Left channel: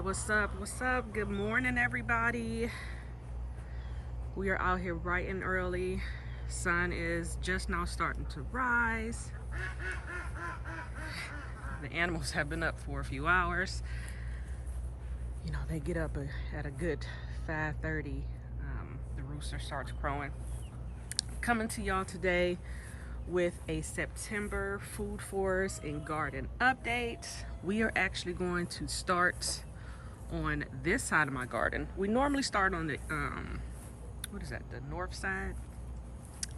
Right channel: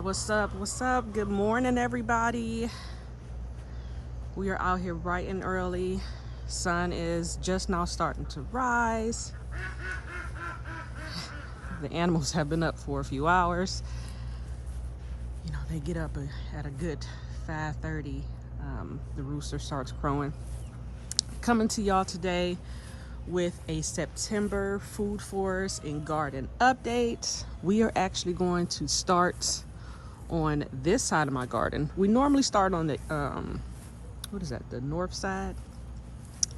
right, what's up? What's up? Good morning, everybody. We are out here bright and early. Sun is just now starting to rise. The animals have been up for a few hours. You know, they get up at a good 5:30. The rooster starts crowing. Coming to y'all today with a September food forest and garden update. We are actually going to start on this side of my garden. We normally start on the what is that, the north side,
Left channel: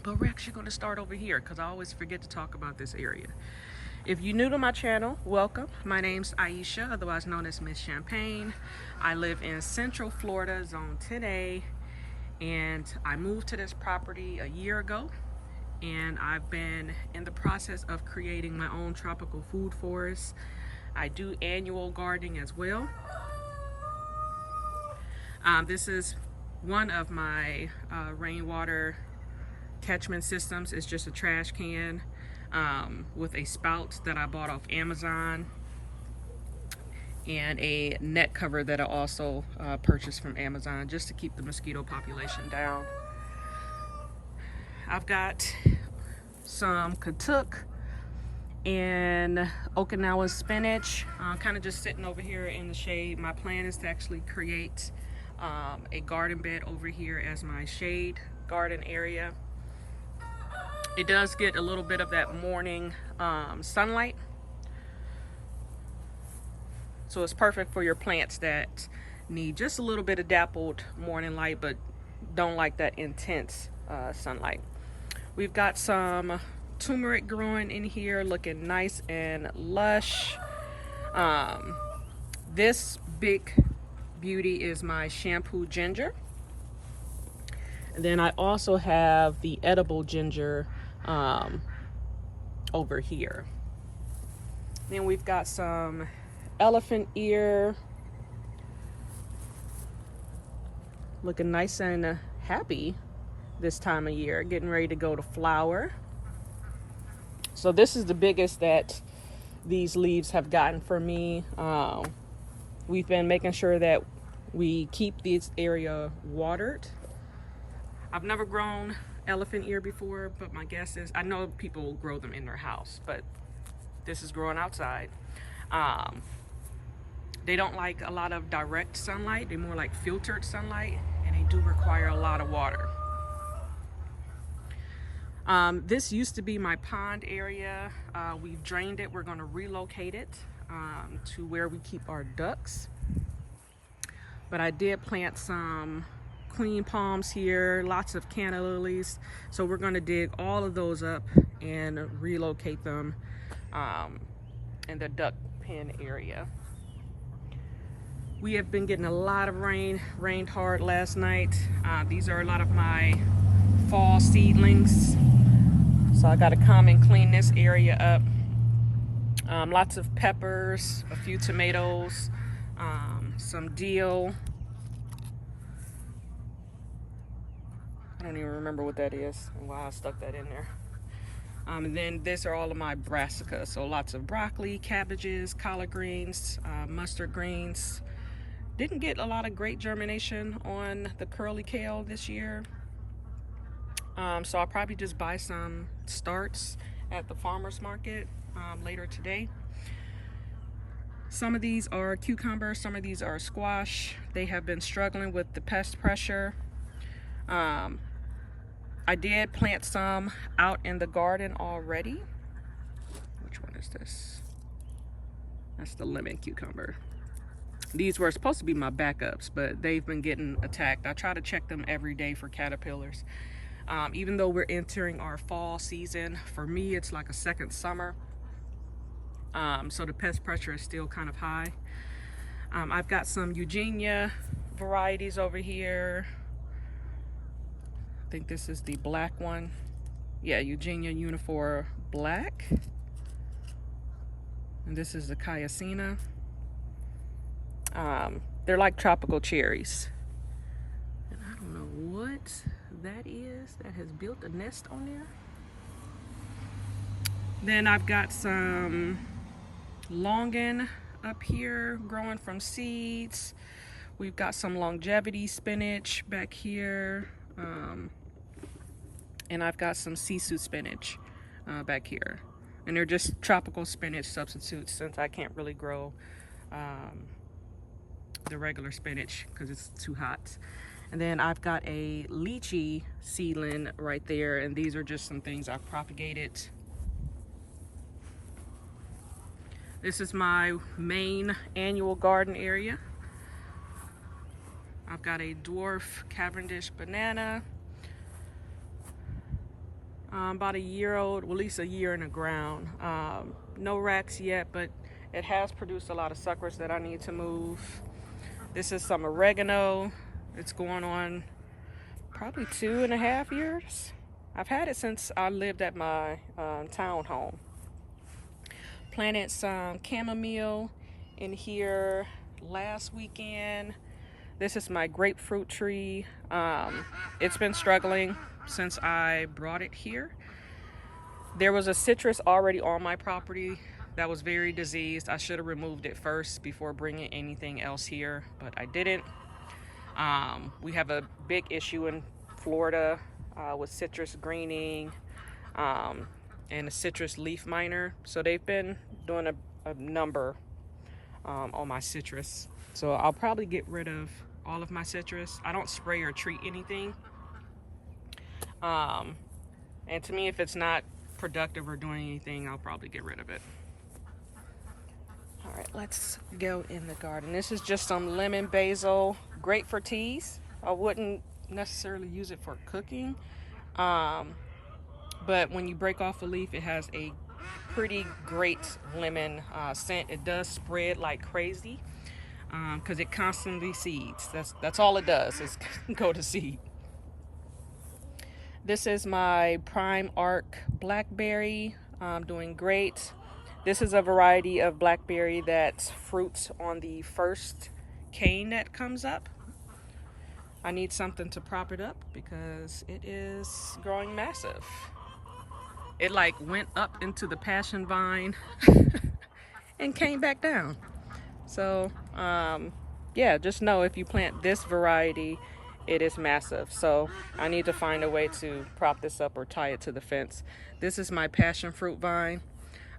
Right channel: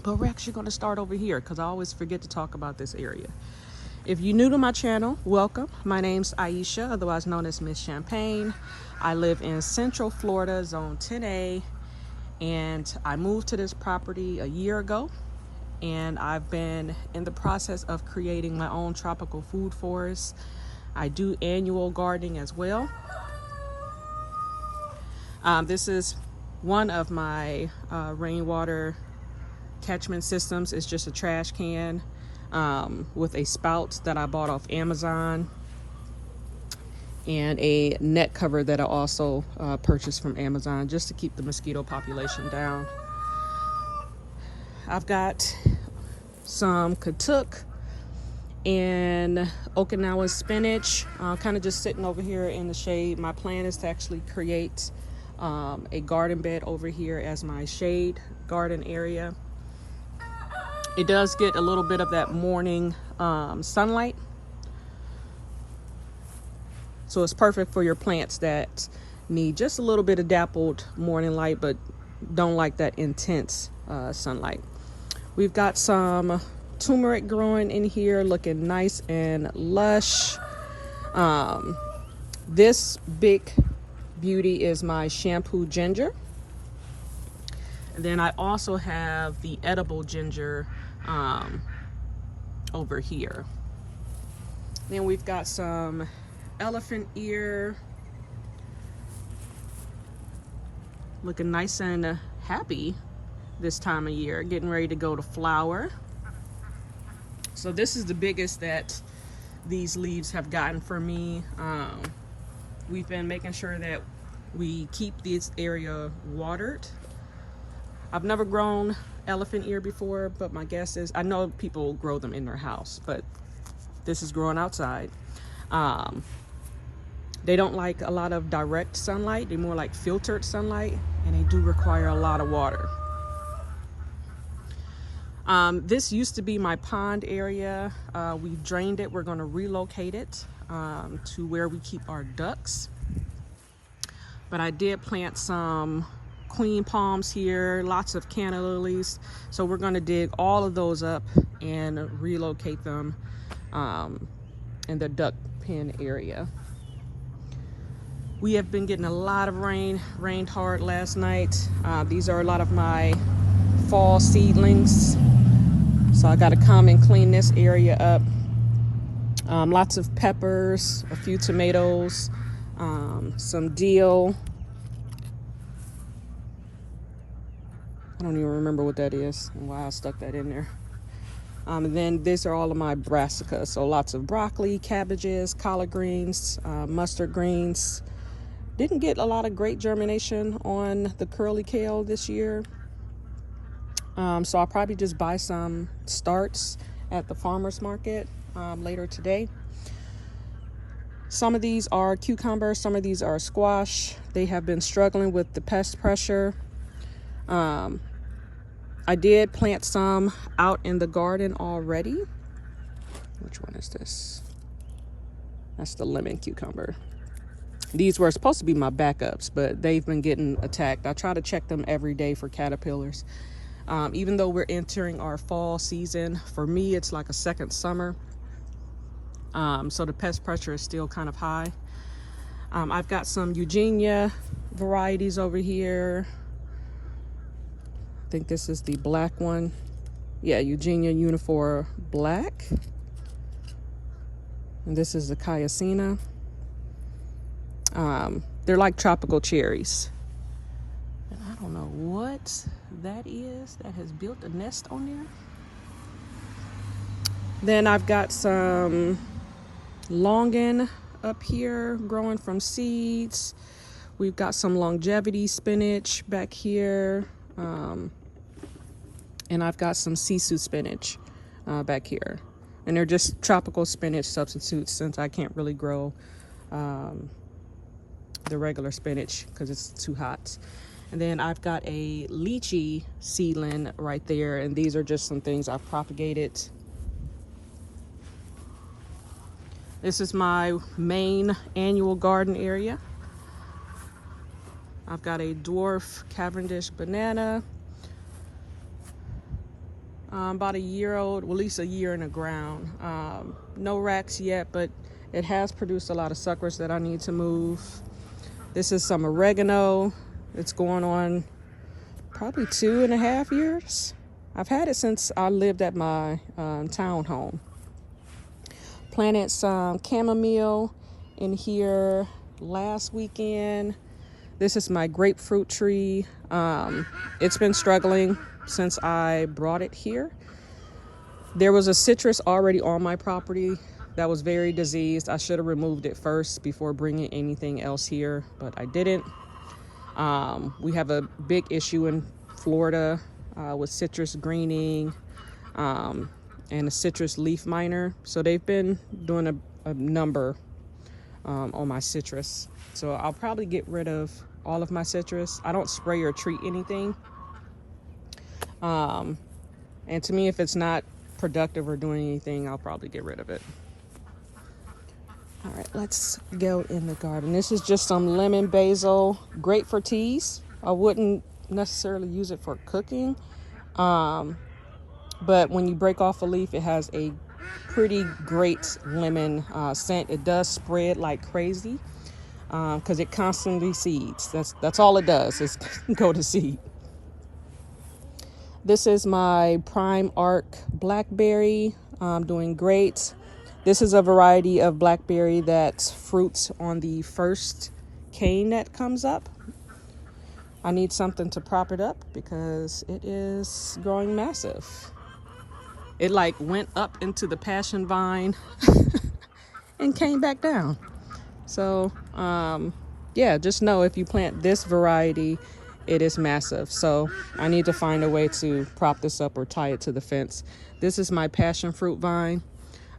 but we're actually going to start over here because I always forget to talk about this area. If you're new to my channel, welcome. My name's Aisha, otherwise known as Miss Champagne. I live in Central Florida, Zone 10A, and I moved to this property a year ago, and I've been in the process of creating my own tropical food forest. I do annual gardening as well. This is one of my rainwater catchment systems. It's just a trash can with a spout that I bought off Amazon and a net cover that I also purchased from Amazon just to keep the mosquito population down. I've got some katuk and Okinawa spinach kind of just sitting over here in the shade. My plan is to actually create a garden bed over here as my shade garden area. It does get a little bit of that morning sunlight, so it's perfect for your plants that need just a little bit of dappled morning light but don't like that intense sunlight. We've got some turmeric growing in here, looking nice and lush. This big beauty is my shampoo ginger, and then I also have the edible ginger over here. Then we've got some elephant ear, looking nice and happy this time of year, getting ready to go to flower. So this is the biggest that these leaves have gotten for me. We've been making sure that we keep this area watered. I've never grown elephant ear before, but my guess is, I know people grow them in their house, but this is growing outside. They don't like a lot of direct sunlight. They more like filtered sunlight, and they do require a lot of water. This used to be my pond area. We've drained it. We're going to relocate it to where we keep our ducks. But I did plant some queen palms here, lots of canna lilies. So we're going to dig all of those up and relocate them in the duck pen area. We have been getting a lot of rain. Rained hard last night. These are a lot of my fall seedlings. So I got to come and clean this area up. Lots of peppers, a few tomatoes, some dill. I don't even remember what that is and why I stuck that in there. And then these are all of my brassicas. So lots of broccoli, cabbages, collard greens, mustard greens. Didn't get a lot of great germination on the curly kale this year. So I'll probably just buy some starts at the farmer's market later today. Some of these are cucumbers, some of these are squash. They have been struggling with the pest pressure. I did plant some out in the garden already. Which one is this? That's the lemon cucumber. These were supposed to be my backups, but they've been getting attacked. I try to check them every day for caterpillars. Even though we're entering our fall season, for me it's like a second summer. So the pest pressure is still kind of high. I've got some Eugenia varieties over here. I think this is the black one. Yeah, Eugenia uniform black. And this is the Cayacina. They're like tropical cherries. And I don't know what that is that has built a nest on there. Then I've got some longan up here growing from seeds. We've got some longevity spinach back here. And I've got some sisu spinach back here. And they're just tropical spinach substitutes since I can't really grow the regular spinach because it's too hot. And then I've got a lychee seedling right there, and these are just some things I've propagated. This is my main annual garden area. I've got a dwarf Cavendish banana, about a year old, well, at least a year in the ground. No racks yet, but it has produced a lot of suckers that I need to move. This is some oregano. It's going on probably 2.5 years. I've had it since I lived at my townhome. Planted some chamomile in here last weekend. This is my grapefruit tree. It's been struggling since I brought it here. There was a citrus already on my property that was very diseased. I should have removed it first before bringing anything else here, but I didn't. We have a big issue in Florida with citrus greening and a citrus leaf miner. So they've been doing a number on my citrus. So I'll probably get rid of all of my citrus. I don't spray or treat anything. And to me, if it's not productive or doing anything, I'll probably get rid of it. All right, let's go in the garden. This is just some lemon basil, great for teas. I wouldn't necessarily use it for cooking, but when you break off a leaf, it has a pretty great lemon scent. It does spread like crazy because it constantly seeds. That's all it does is go to seed. This is my prime arc blackberry, doing great. This is a variety of blackberry that fruits on the first cane that comes up. I need something to prop it up because it is growing massive. It like went up into the passion vine and came back down. So yeah, just know if you plant this variety, it is massive. So I need to find a way to prop this up or tie it to the fence. This is my passion fruit vine.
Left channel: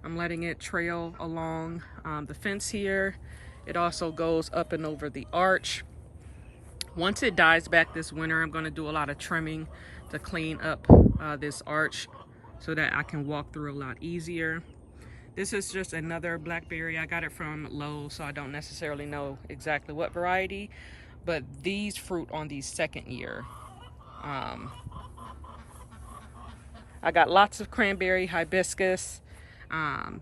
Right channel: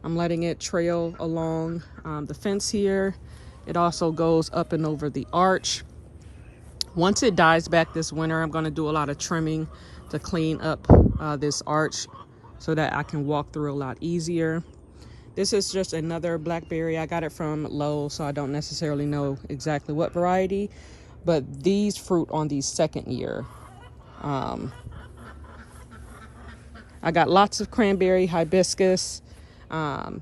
I'm letting it trail along the fence here. It also goes up and over the arch. Once it dies back this winter, I'm going to do a lot of trimming to clean up this arch so that I can walk through a lot easier. This is just another blackberry. I got it from Lowe's, so I don't necessarily know exactly what variety, but these fruit on the second year. I got lots of cranberry, hibiscus. The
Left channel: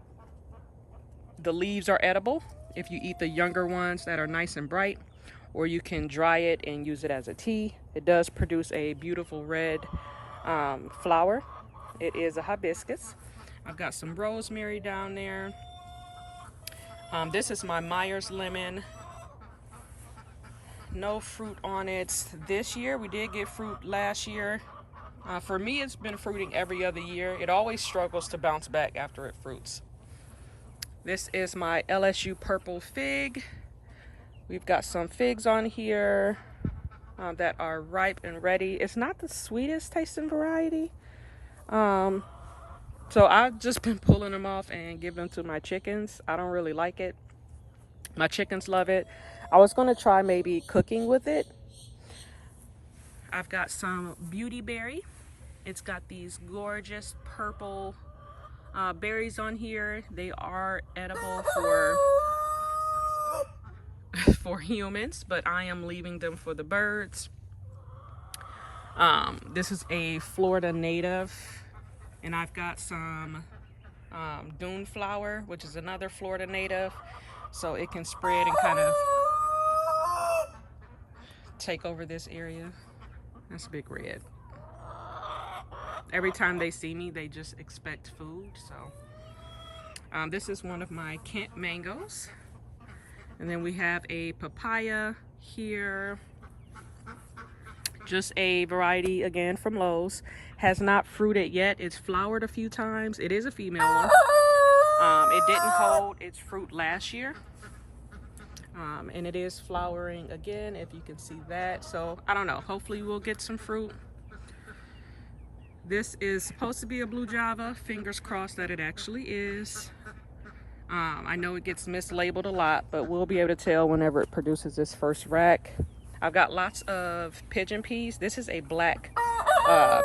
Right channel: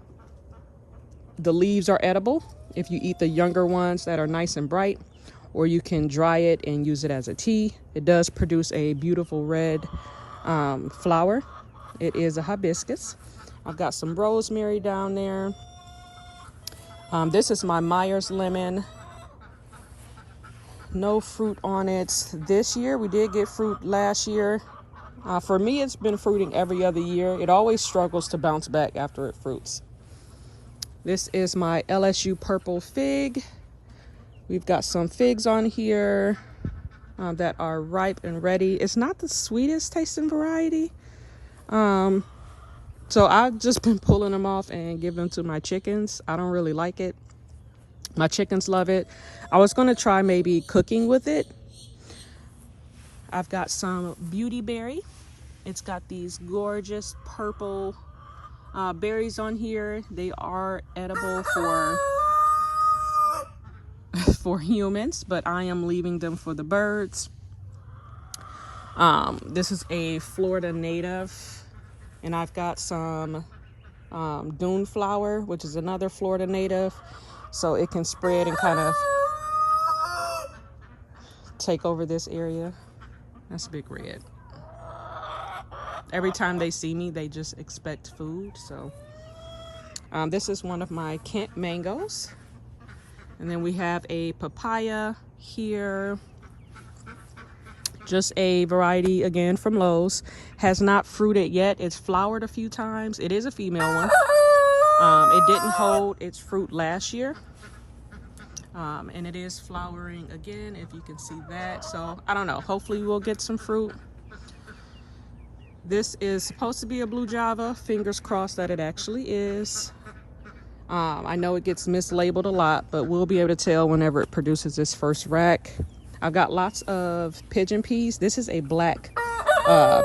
leaves are edible if you eat the younger ones that are nice and bright, or you can dry it and use it as a tea. It does produce a beautiful red flower. It is a hibiscus. I've got some rosemary down there. This is my Myers lemon. No fruit on it this year. We did get fruit last year. For me, it's been fruiting every other year. It always struggles to bounce back after it fruits. This is my LSU purple fig. We've got some figs on here that are ripe and ready. It's not the sweetest tasting variety. So I've just been pulling them off and giving them to my chickens. I don't really like it. My chickens love it. I was gonna try maybe cooking with it. I've got some beauty berry. It's got these gorgeous purple berries on here. They are edible for humans, but I am leaving them for the birds. This is a Florida native, and I've got some dune flower, which is another Florida native, so it can spread and kind of take over this area. That's Big Red. Every time they see me, they just expect food. So this is one of my Kent mangoes. And then we have a papaya here. Just a variety, again, from Lowe's. Has not fruited yet. It's flowered a few times. It is a female one. It didn't hold its fruit last year. And it is flowering again, if you can see that. So I don't know, hopefully we'll get some fruit. This is supposed to be a blue java. Fingers crossed that it actually is. I know it gets mislabeled a lot, but we'll be able to tell whenever it produces this first rack. I've got lots of pigeon peas. This is a black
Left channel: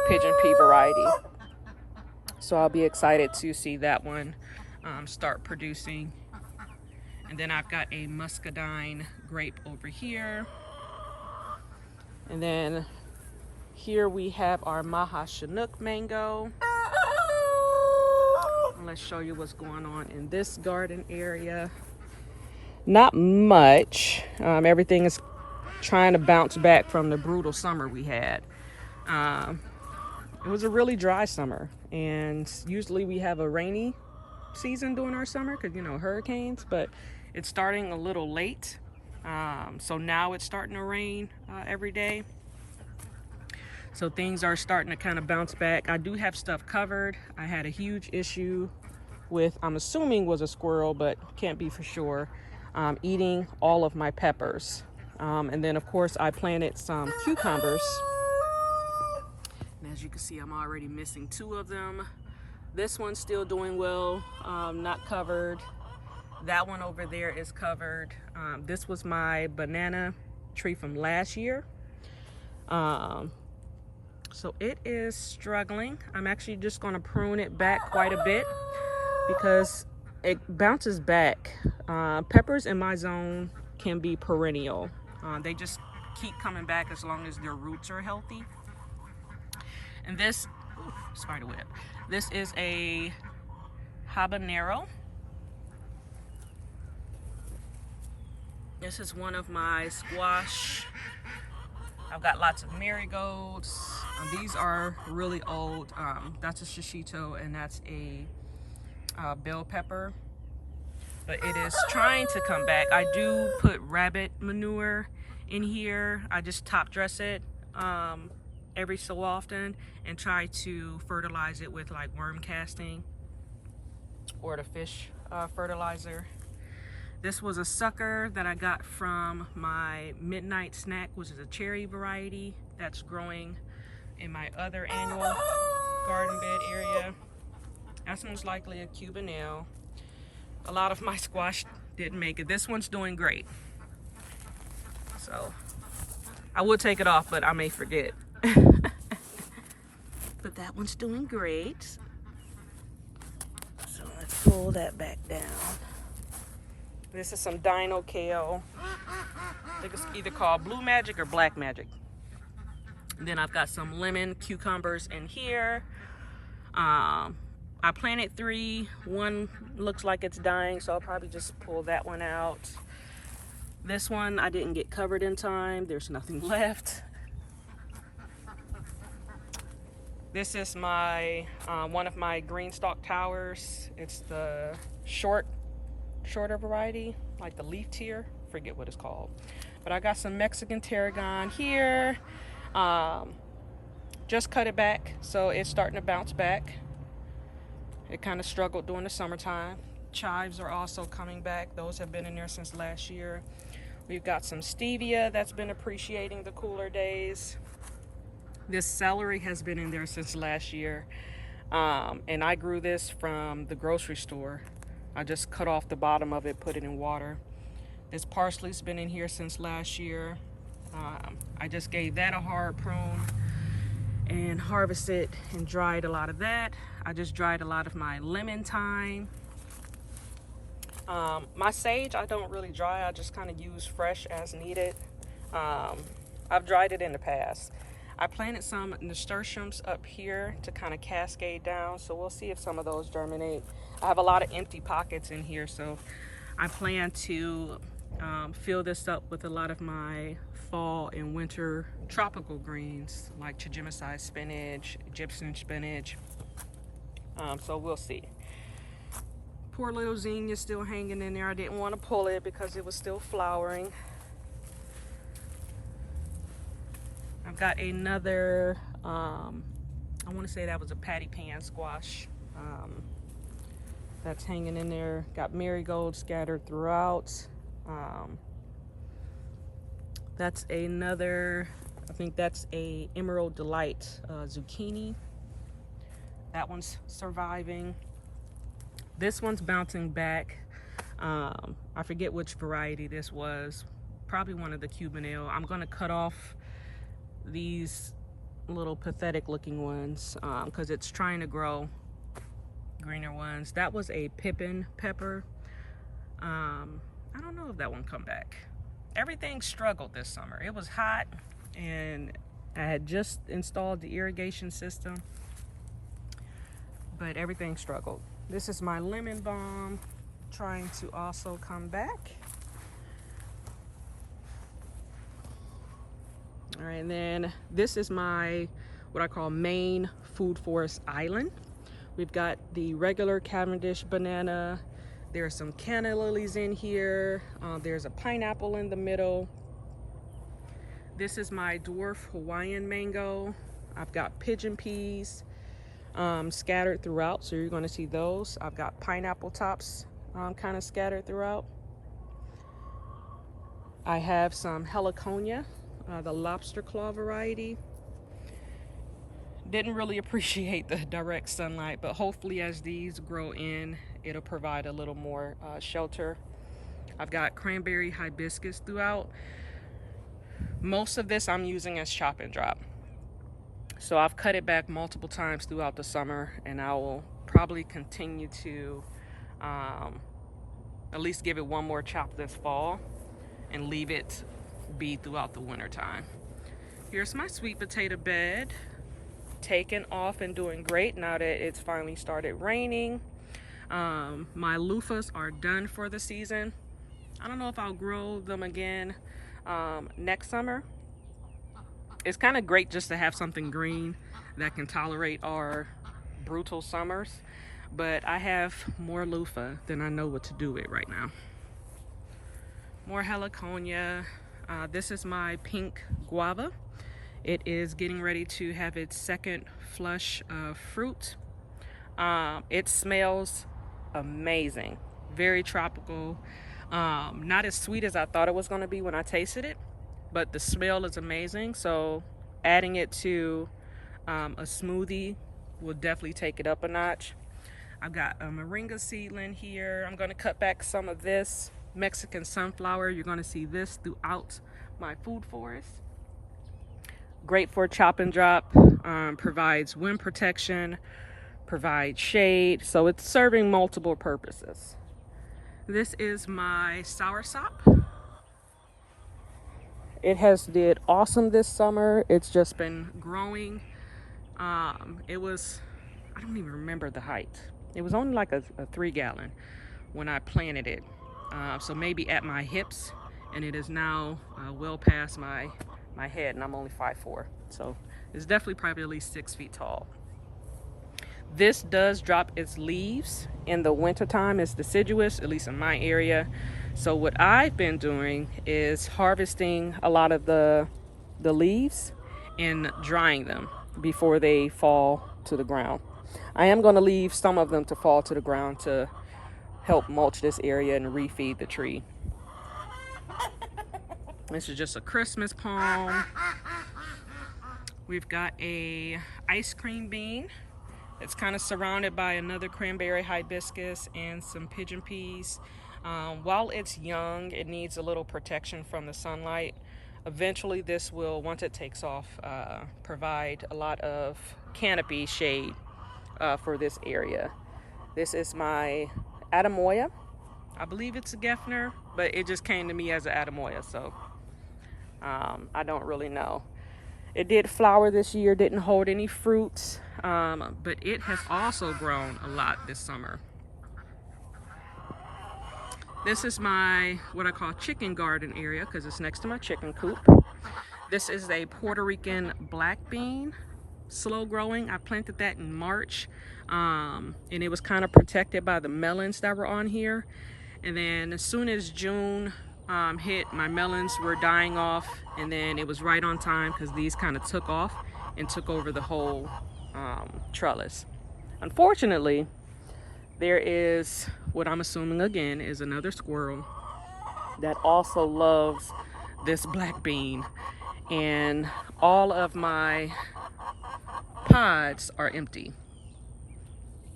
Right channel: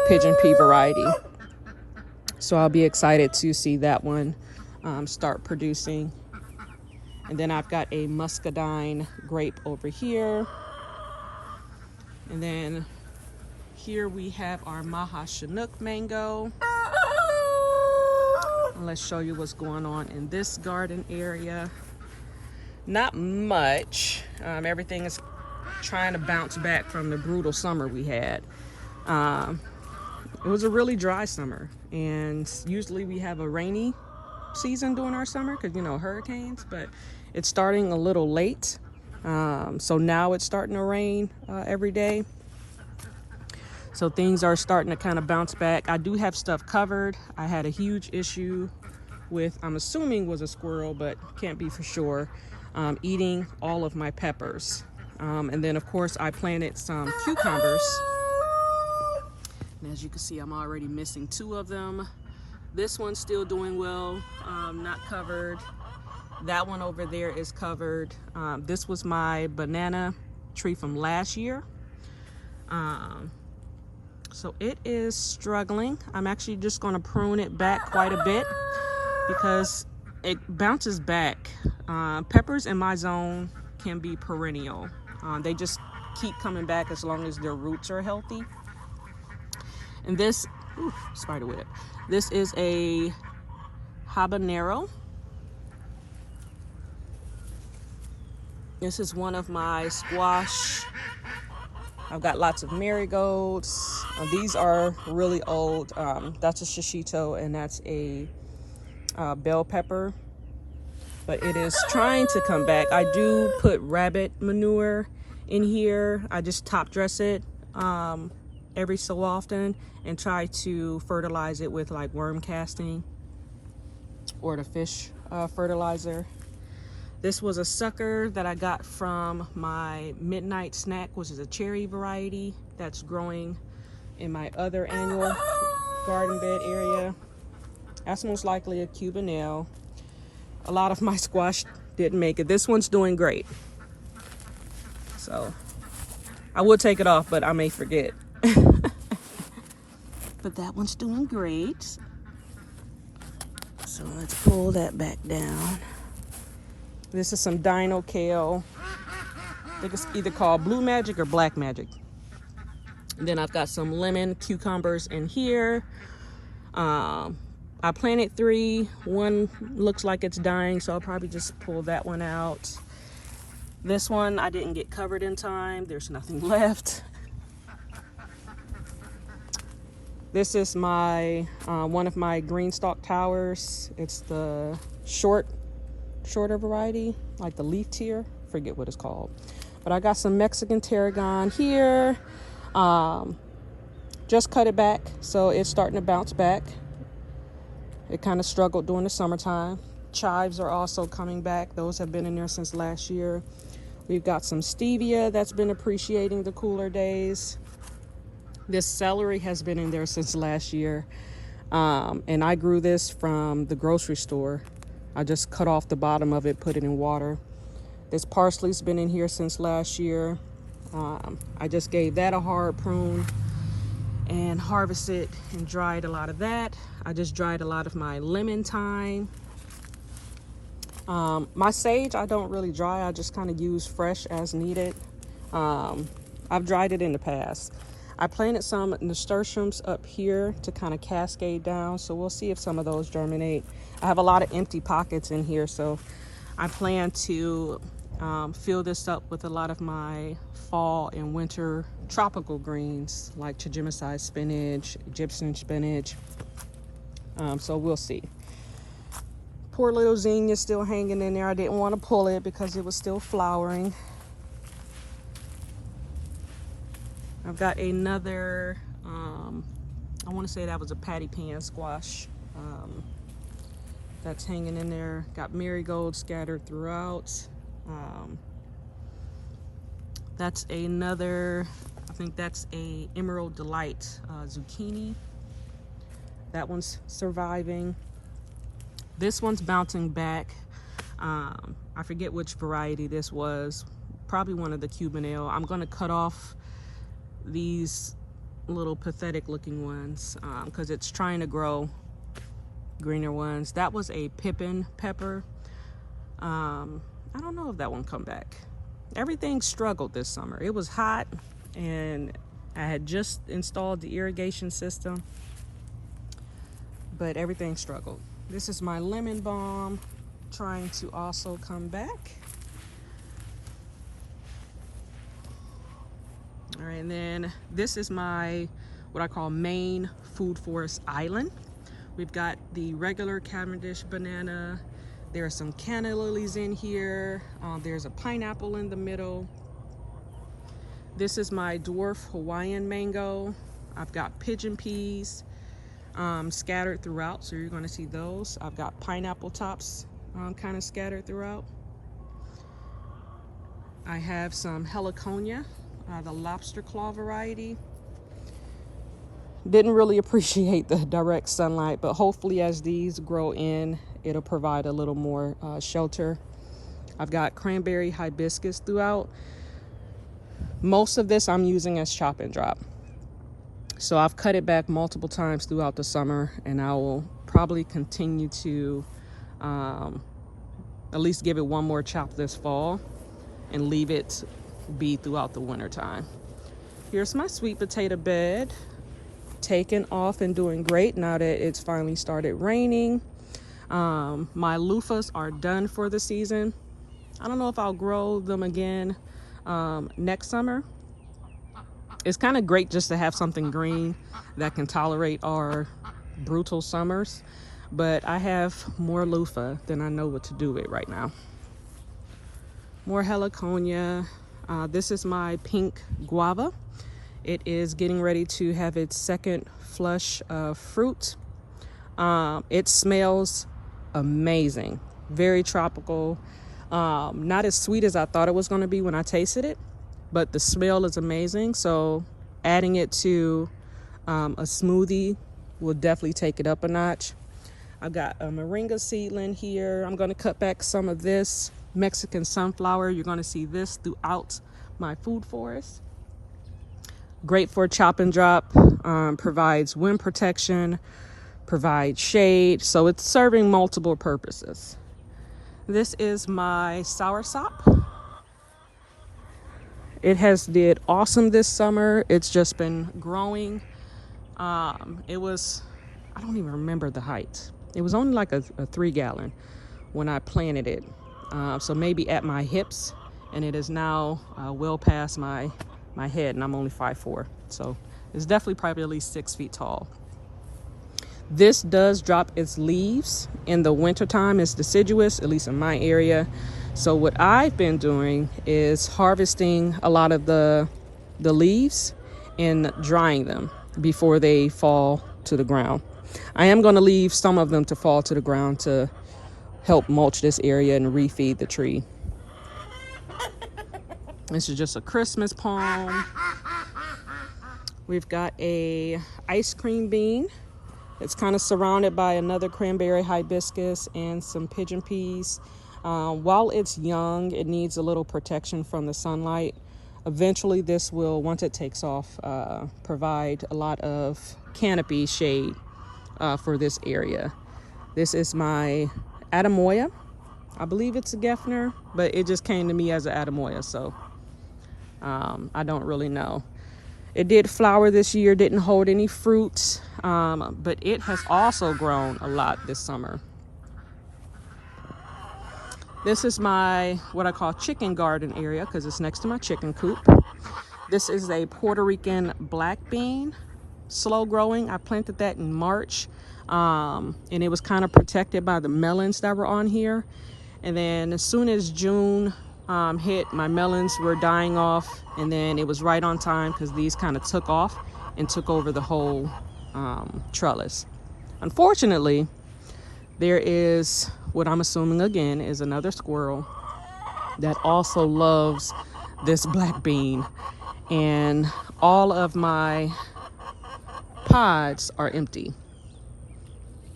pigeon pea variety, so I'll be excited to see that one start producing. And then I've got a muscadine grape over here, and then here we have our Maha Chinook mango. And let's show you what's going on in this garden area. Not much. Everything is trying to bounce back from the brutal summer we had. It was a really dry summer, and usually we have a rainy season during our summer because, you know, hurricanes, but it's starting a little late. So now it's starting to rain every day. So things are starting to kind of bounce back. I do have stuff covered. I had a huge issue with, I'm assuming was a squirrel, but can't be for sure, eating all of my peppers. And then of course I planted some cucumbers. And as you can see, I'm already missing 2 of them. This one's still doing well, not covered. That one over there is covered. This was my banana tree from last year. So it is struggling. I'm actually just going to prune it back quite a bit because it bounces back. Peppers in my zone can be perennial. They just keep coming back as long as their roots are healthy. And this, spider web. This is a habanero. This is one of my squash. I've got lots of marigolds. These are really old. That's a shishito, and that's a bell pepper. But it is trying to come back. I do put rabbit manure in here. I just top dress it every so often and try to fertilize it with like worm casting or the fish fertilizer. This was a sucker that I got from my midnight snack, which is a cherry variety that's growing in my other annual garden bed area. That's most likely a Cubanelle. A lot of my squash didn't make it. This one's doing great. So I would take it off, but I may forget. But that one's doing great. So let's pull that back down. This is some dino kale. I think it's either called blue magic or black magic. And then I've got some lemon cucumbers in here. I planted 3. One looks like it's dying, so I'll probably just pull that one out. This one I didn't get covered in time. There's nothing left. This is my one of my green stalk towers. It's the shorter variety, like the leaf tier. Forget what it's called. But I got some Mexican tarragon here. Just cut it back, so it's starting to bounce back. It kind of struggled during the summertime. Chives are also coming back. Those have been in there since last year. We've got some stevia that's been appreciating the cooler days. This celery has been in there since last year. And I grew this from the grocery store. I just cut off the bottom of it, put it in water. This parsley's been in here since last year. I just gave that a hard prune and harvested and dried a lot of that. I just dried a lot of my lemon thyme. My sage I don't really dry, I just kind of use fresh as needed. I've dried it in the past. I planted some nasturtiums up here to kind of cascade down, so we'll see if some of those germinate. I have a lot of empty pockets in here, so I plan to fill this up with a lot of my fall and winter tropical greens like Chigemicide spinach, Egyptian spinach. So we'll see. Poor little zinnia still hanging in there. I didn't want to pull it because it was still flowering. I've got another, I want to say that was a patty pan squash that's hanging in there. Got marigolds scattered throughout. That's another, I think that's a Emerald Delight zucchini. That one's surviving. This one's bouncing back. I forget which variety this was. Probably one of the Cuban ale. I'm gonna cut off these little pathetic looking ones because it's trying to grow greener ones. That was a pippin pepper. I don't know if that one come back. Everything struggled this summer. It was hot and I had just installed the irrigation system, but everything struggled. This is my lemon balm trying to also come back. All right, and then this is my, what I call main food forest island. We've got the regular Cavendish banana. There are some canna lilies in here. There's a pineapple in the middle. This is my dwarf Hawaiian mango. I've got pigeon peas scattered throughout, so you're gonna see those. I've got pineapple tops kind of scattered throughout. I have some heliconia, the lobster claw variety. Didn't really appreciate the direct sunlight, but hopefully as these grow in, it'll provide a little more shelter. I've got cranberry hibiscus throughout. Most of this I'm using as chop and drop. So I've cut it back multiple times throughout the summer, and I will probably continue to at least give it one more chop this fall and leave it be throughout the winter time. Here's my sweet potato bed, taking off and doing great now that it's finally started raining. My loofahs are done for the season. I don't know if I'll grow them again next summer. It's kind of great just to have something green that can tolerate our brutal summers, but I have more loofah than I know what to do with right now. More heliconia. This is my pink guava. It is getting ready to have its second flush of fruit. It smells amazing, very tropical. Not as sweet as I thought it was going to be when I tasted it, but the smell is amazing. So adding it to a smoothie will definitely take it up a notch. I've got a moringa seedling here. I'm going to cut back some of this Mexican sunflower. You're going to see this throughout my food forest. Great for chop and drop, provides wind protection, provides shade, so it's serving multiple purposes. This is my soursop. It has did awesome this summer. It's just been growing. It was, I don't even remember the height. It was only like a 3 gallon when I planted it. So maybe at my hips, and it is now well past my head, and I'm only 5'4". So it's definitely probably at least 6 feet tall. This does drop its leaves in the wintertime. It's deciduous, at least in my area. So what I've been doing is harvesting a lot of the leaves and drying them before they fall to the ground. I am going to leave some of them to fall to the ground to help mulch this area and refeed the tree. This is just a Christmas palm. We've got a ice cream bean. It's kind of surrounded by another cranberry hibiscus and some pigeon peas. While it's young, it needs a little protection from the sunlight. Eventually this will, once it takes off, provide a lot of canopy shade for this area. This is my Adamoya. I believe it's a Geffner, but it just came to me as an Adamoya, so I don't really know. It did flower this year, didn't hold any fruits, but it has also grown a lot this summer. This is my, what I call chicken garden area, because it's next to my chicken coop. This is a Puerto Rican black bean, slow growing. I planted that in March, and it was kind of protected by the melons that were on here. And then as soon as June hit, my melons were dying off, and then it was right on time because these kind of took off and took over the whole trellis. Unfortunately, there is what I'm assuming again is another squirrel that also loves this black bean, and all of my pods are empty.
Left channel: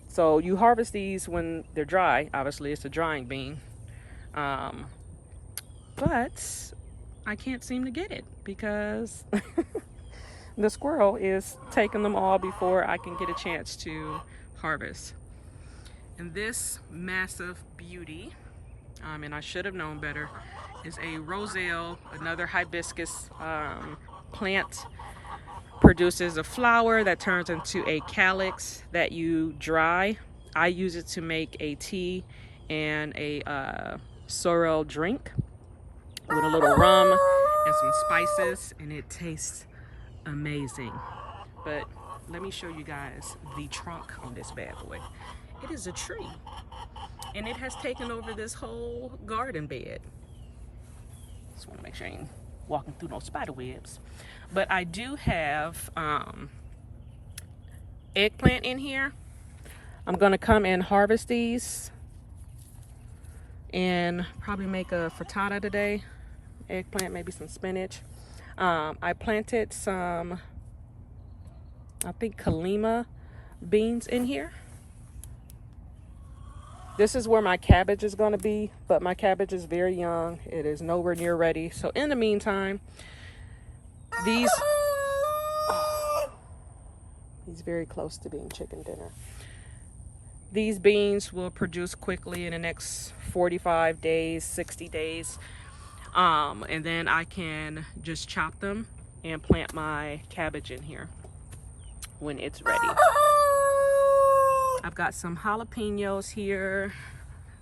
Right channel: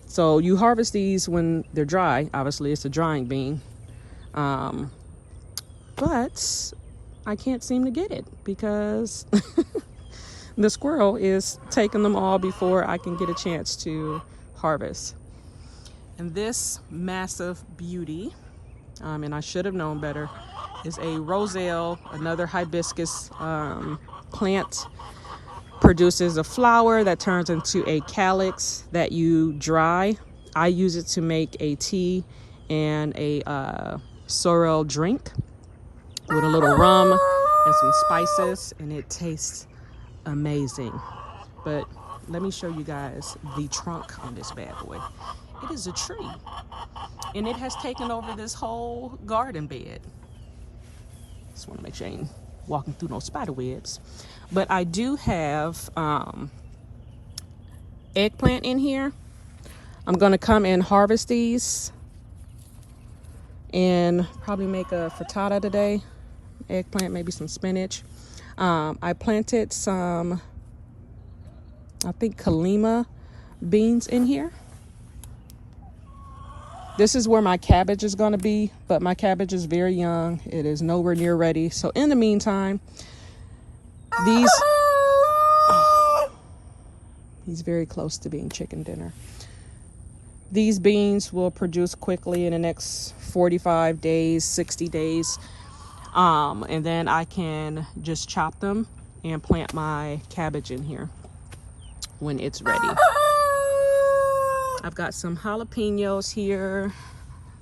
So you harvest these when they're dry. Obviously it's a drying bean, but I can't seem to get it because the squirrel is taking them all before I can get a chance to harvest. And this massive beauty, and I should have known better, is a roselle, another hibiscus plant. Produces a flower that turns into a calyx that you dry. I use it to make a tea and a sorrel drink with a little rum and some spices, and it tastes amazing. But let me show you guys the trunk on this bad boy. It is a tree, and it has taken over this whole garden bed. Just want to make sure I ain't walking through no spider webs. But I do have eggplant in here. I'm gonna come and harvest these and probably make a frittata today. Eggplant, maybe some spinach. I planted some, I think, Kalima beans in here. This is where my cabbage is going to be, but my cabbage is very young. It is nowhere near ready. So in the meantime, he's very close to being chicken dinner. These beans will produce quickly in the next 45 days, 60 days. And then I can just chop them and plant my cabbage in here when it's ready. I've got some jalapenos here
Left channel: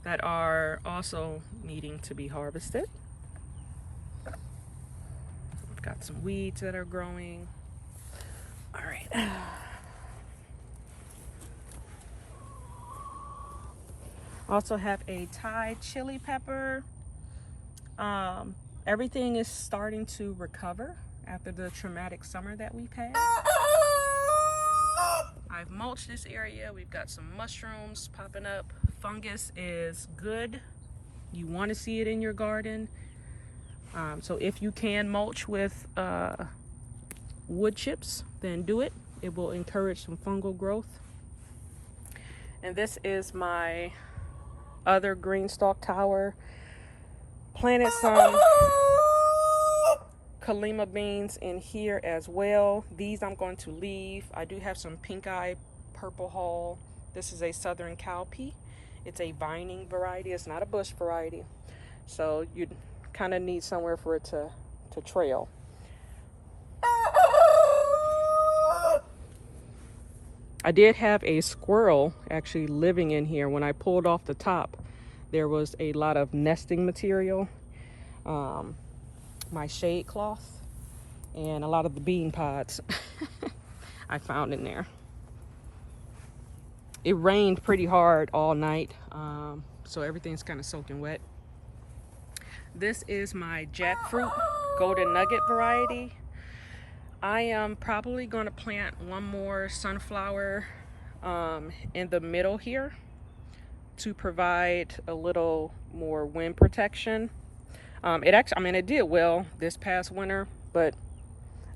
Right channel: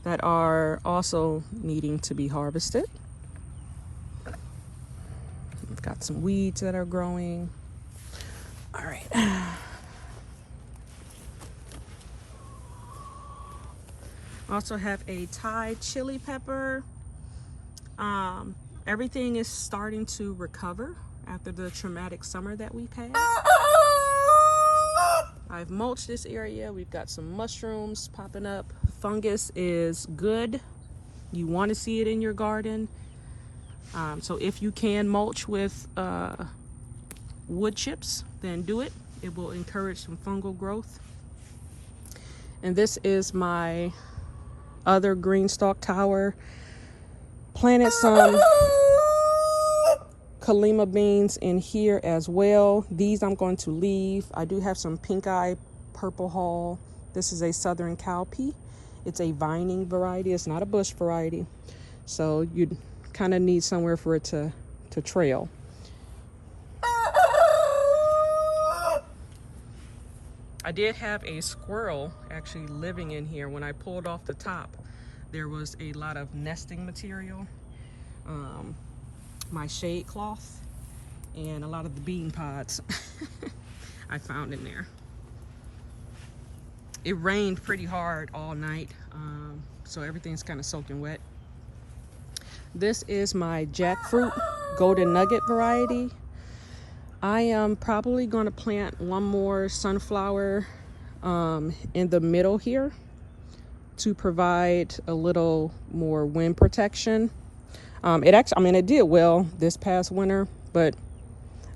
that are also needing to be harvested. I've got some weeds that are growing. All right. Also have a Thai chili pepper. Everything is starting to recover after the traumatic summer that we've had. I've mulched this area. We've got some mushrooms popping up. Fungus is good. You want to see it in your garden. So if you can mulch with wood chips, then do it. It will encourage some fungal growth. And this is my other green stalk tower. Planted some Kalima beans in here as well. These I'm going to leave. I do have some pink eye purple haul. This is a southern cowpea. It's a vining variety. It's not a bush variety. So you kind of need somewhere for it to trail. I did have a squirrel actually living in here. When I pulled off the top, there was a lot of nesting material. My shade cloth and a lot of the bean pods I found in there. It rained pretty hard all night, so everything's kind of soaking wet. This is my jackfruit golden nugget variety. I am probably going to plant one more sunflower in the middle here to provide a little more wind protection. It did well this past winter, but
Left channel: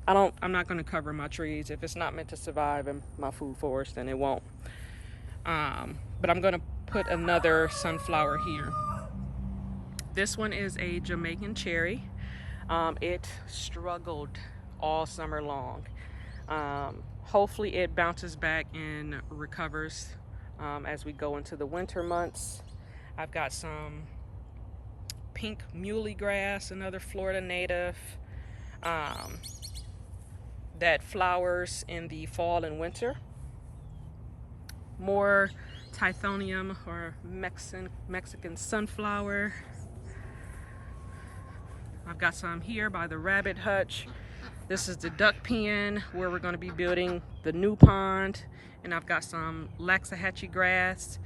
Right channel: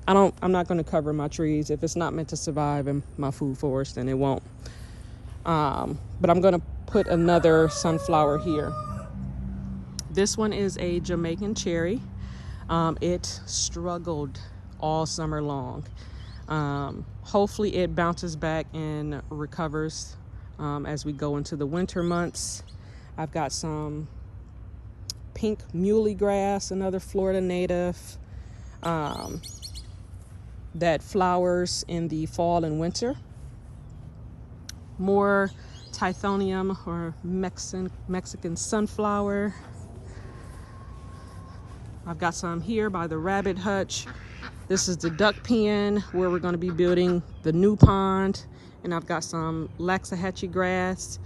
I'm not going to cover my trees. If it's not meant to survive in my food forest, then it won't. But I'm going to put another sunflower here. This one is a Jamaican cherry. It struggled all summer long. Hopefully it bounces back and recovers as we go into the winter months. I've got some pink muley grass, another Florida native that flowers in the fall and winter. More Tithonium or Mexican sunflower. I've got some here by the rabbit hutch. This is the duck pen where we're going to be building the new pond. And I've got some Waxahachie grass.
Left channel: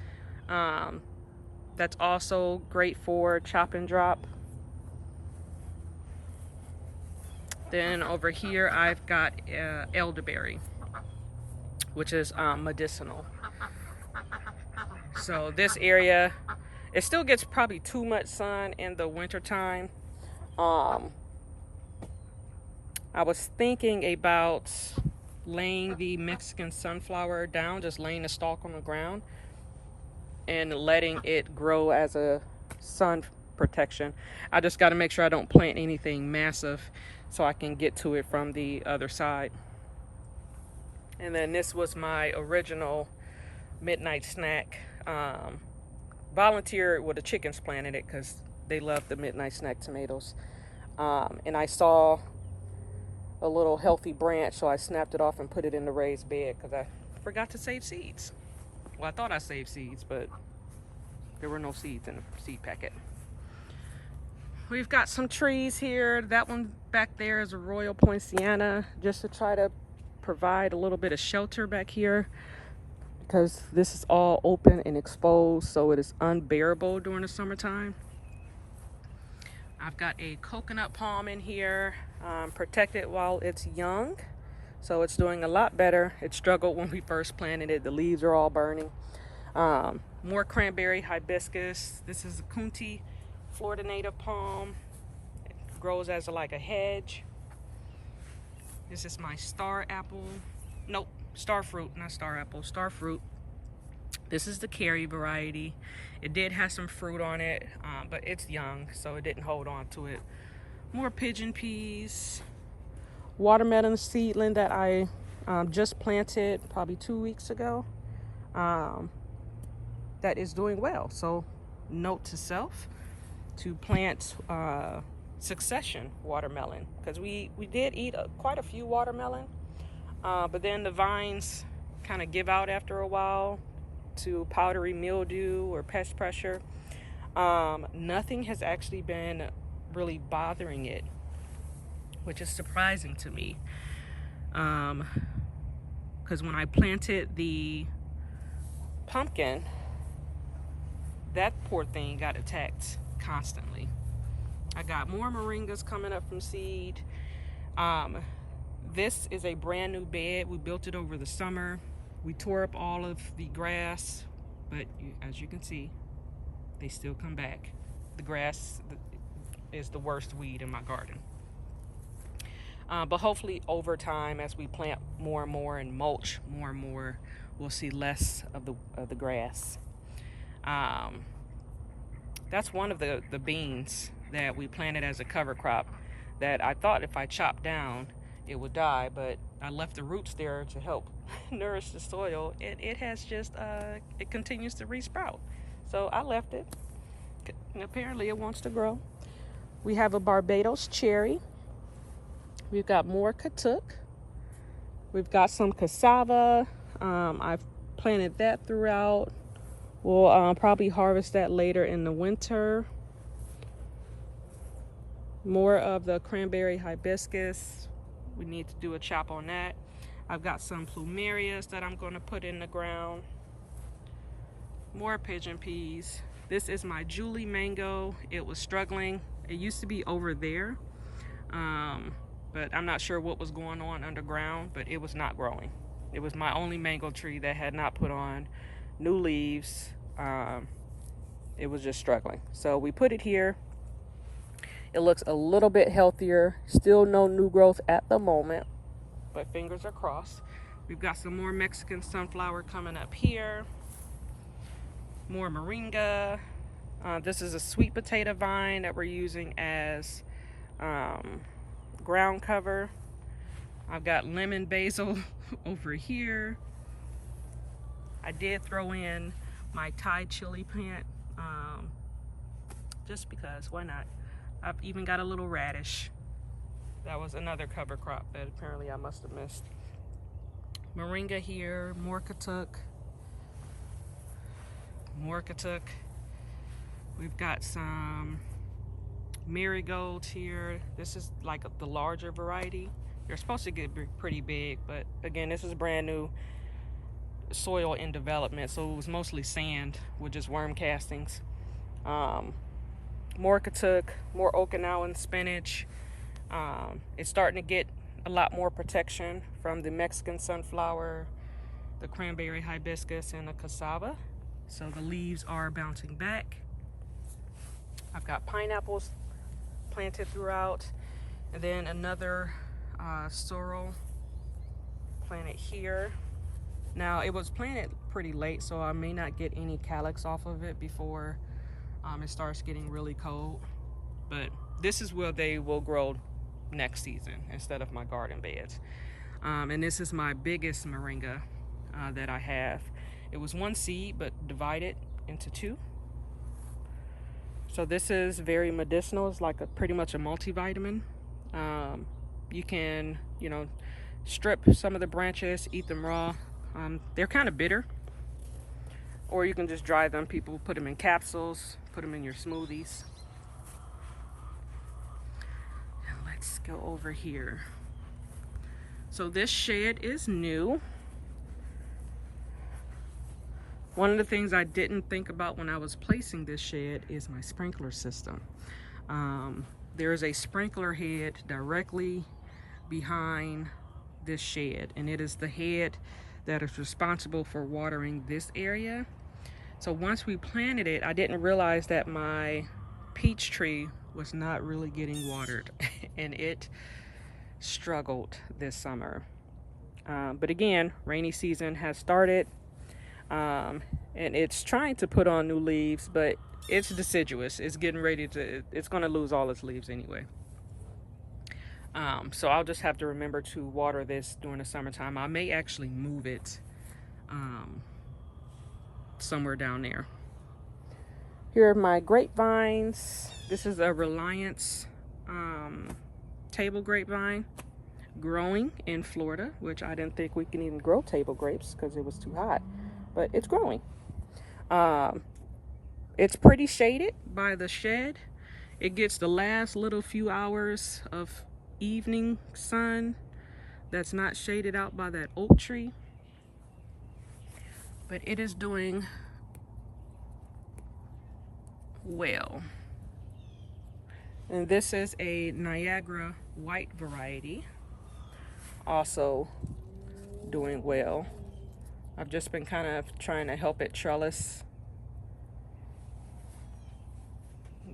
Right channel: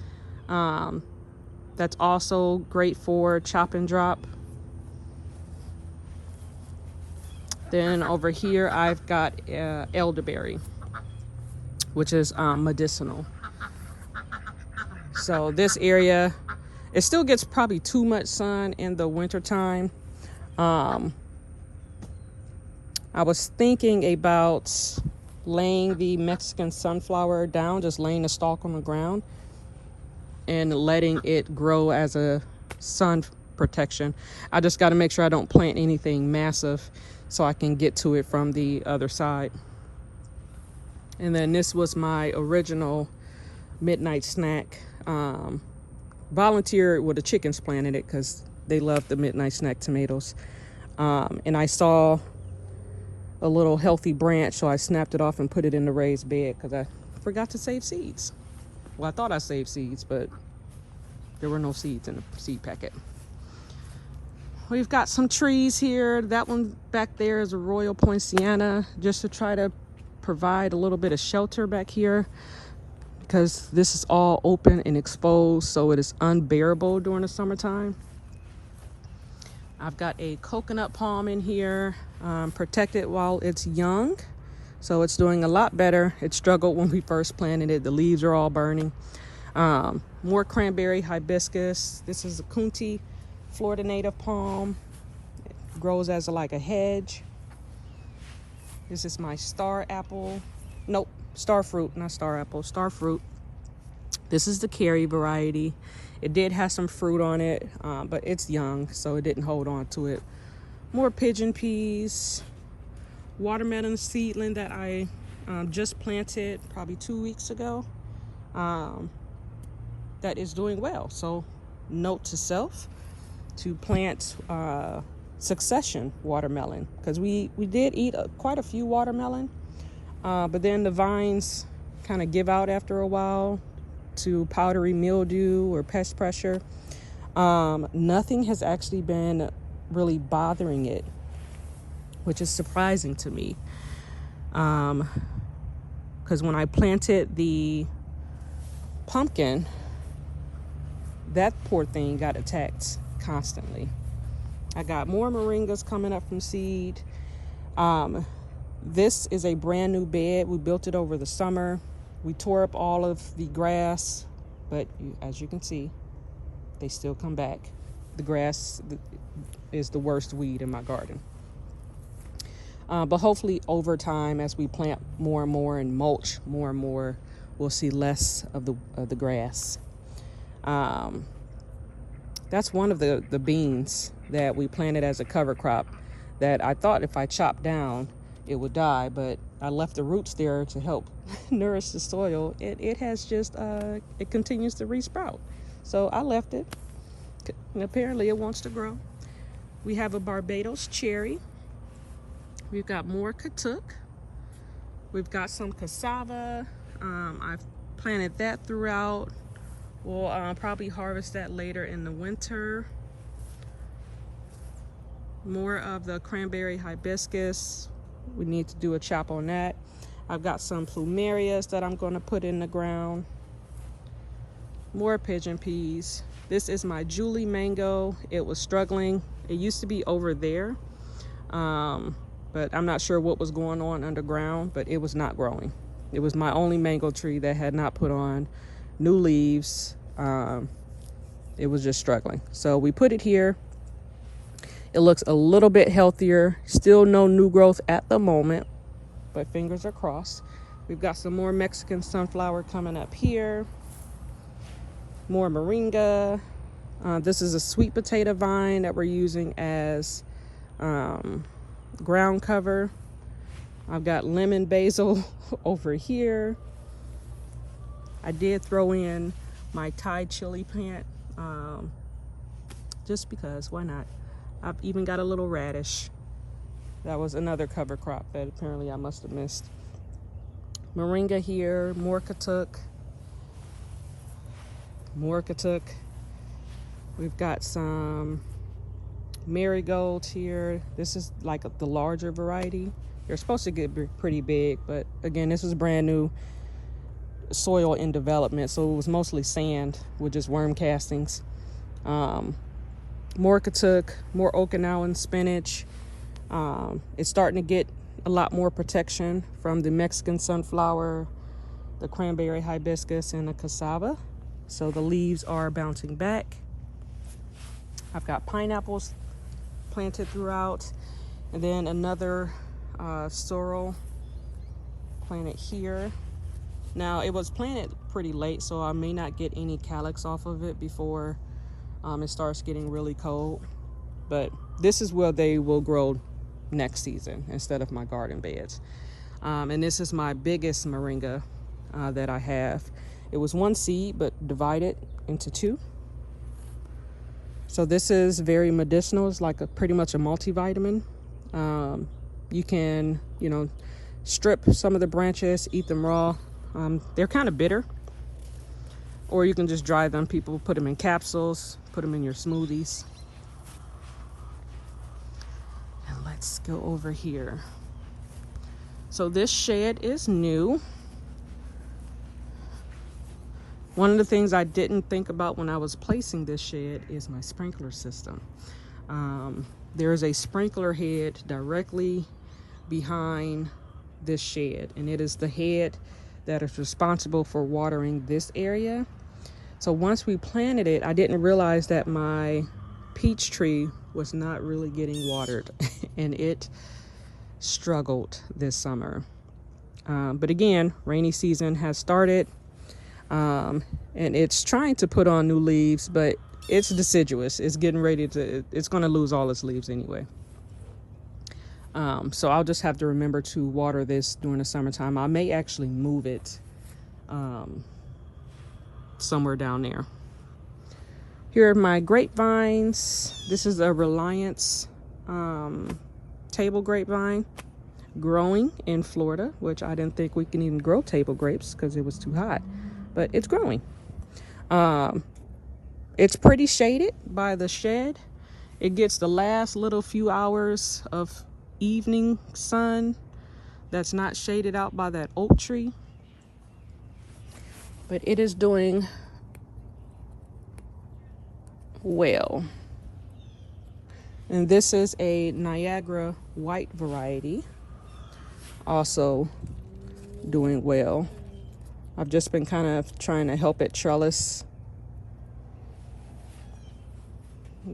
That's also great for chop and drop. Then over here I've got elderberry, which is medicinal. So this area, it still gets probably too much sun in the winter time, I was thinking about laying the Mexican sunflower down, just laying the stalk on the ground and letting it grow as a sun protection. I just got to make sure I don't plant anything massive so I can get to it from the other side. And then this was my original midnight snack. Volunteered with the chickens planted it because they love the midnight snack tomatoes. And I saw a little healthy branch, so I snapped it off and put it in the raised bed because I forgot to save seeds. Well, I thought I saved seeds, but there were no seeds in the seed packet. We've got some trees here. That one back there is a Royal Poinciana, just to try to provide a little bit of shelter back here because this is all open and exposed, so it is unbearable during the summertime. I've got a coconut palm in here, protected while it's young, so it's doing a lot better. It struggled when we first planted it. The leaves are all burning. More cranberry hibiscus. This is a Kunti Florida native palm. It grows as like a hedge. This is my star apple. Nope, star fruit, not star apple, star fruit. This is the Carrie variety. It did have some fruit on it, but it's young, so it didn't hold on to it. More pigeon peas. Watermelon seedling that I just planted probably 2 weeks ago. That is doing well. So note to self to plant succession watermelon, because we did eat quite a few watermelon, but then the vines kind of give out after a while to powdery mildew or pest pressure. Nothing has actually been really bothering it, which is surprising to me, because when I planted the pumpkin, that poor thing got attacked constantly. I got more moringas coming up from seed. This is a brand new bed. We built it over the summer. We tore up all of the grass, but as you can see, they still come back. The grass is the worst weed in my garden. But hopefully over time, as we plant more and more and mulch more and more, we'll see less of the grass. That's one of the beans that we planted as a cover crop that I thought if I chopped down, it would die, but I left the roots there to help nourish the soil. It has just, it continues to resprout. So I left it. Apparently it wants to grow. We have a Barbados cherry. We've got more katuk. We've got some cassava. I've planted that throughout. We'll probably harvest that later in the winter. More of the cranberry hibiscus. We need to do a chop on that. I've got some plumerias that I'm going to put in the ground. More pigeon peas. This is my Julie mango. It was struggling. It used to be over there, but I'm not sure what was going on underground, but it was not growing. It was my only mango tree that had not put on new leaves. It was just struggling. So we put it here. It looks a little bit healthier. Still no new growth at the moment, but fingers are crossed. We've got some more Mexican sunflower coming up here. More moringa. This is a sweet potato vine that we're using as ground cover. I've got lemon basil over here. I did throw in my Thai chili plant, just because, why not? I've even got a little radish. That was another cover crop that apparently I must have missed. Moringa here, more katuk. More katuk. We've got some marigolds here. This is like the larger variety. They're supposed to get pretty big, but again, this is brand new soil in development, so it was mostly sand with just worm castings. More katuk, more Okinawan spinach. It's starting to get a lot more protection from the Mexican sunflower, the cranberry hibiscus, and the cassava. So the leaves are bouncing back. I've got pineapples planted throughout, and then another sorrel planted here. Now it was planted pretty late, so I may not get any calyx off of it before it starts getting really cold. But this is where they will grow next season instead of my garden beds. And this is my biggest moringa that I have. It was one seed but divided into two. So this is very medicinal. It's like pretty much a multivitamin. You can, strip some of the branches, eat them raw. They're kind of bitter. Or you can just dry them. People put them in capsules, put them in your smoothies. And let's go over here. So this shed is new. One of the things I didn't think about when I was placing this shed is my sprinkler system. There is a sprinkler head directly behind this shed, and it is the head that is responsible for watering this area. So once we planted it, I didn't realize that my peach tree was not really getting watered and it struggled this summer. But again, rainy season has started, and it's trying to put on new leaves, but it's deciduous. It's getting ready to, it's going to lose all its leaves anyway. So I'll just have to remember to water this during the summertime. I may actually move it somewhere down there. Here are my grapevines. This is a Reliance table grapevine growing in Florida, which I didn't think we can even grow table grapes because it was too hot, but it's growing. It's pretty shaded by the shed. It gets the last little few hours of evening sun that's not shaded out by that oak tree, but it is doing well. And this is a Niagara white variety, also doing well. I've just been kind of trying to help it trellis.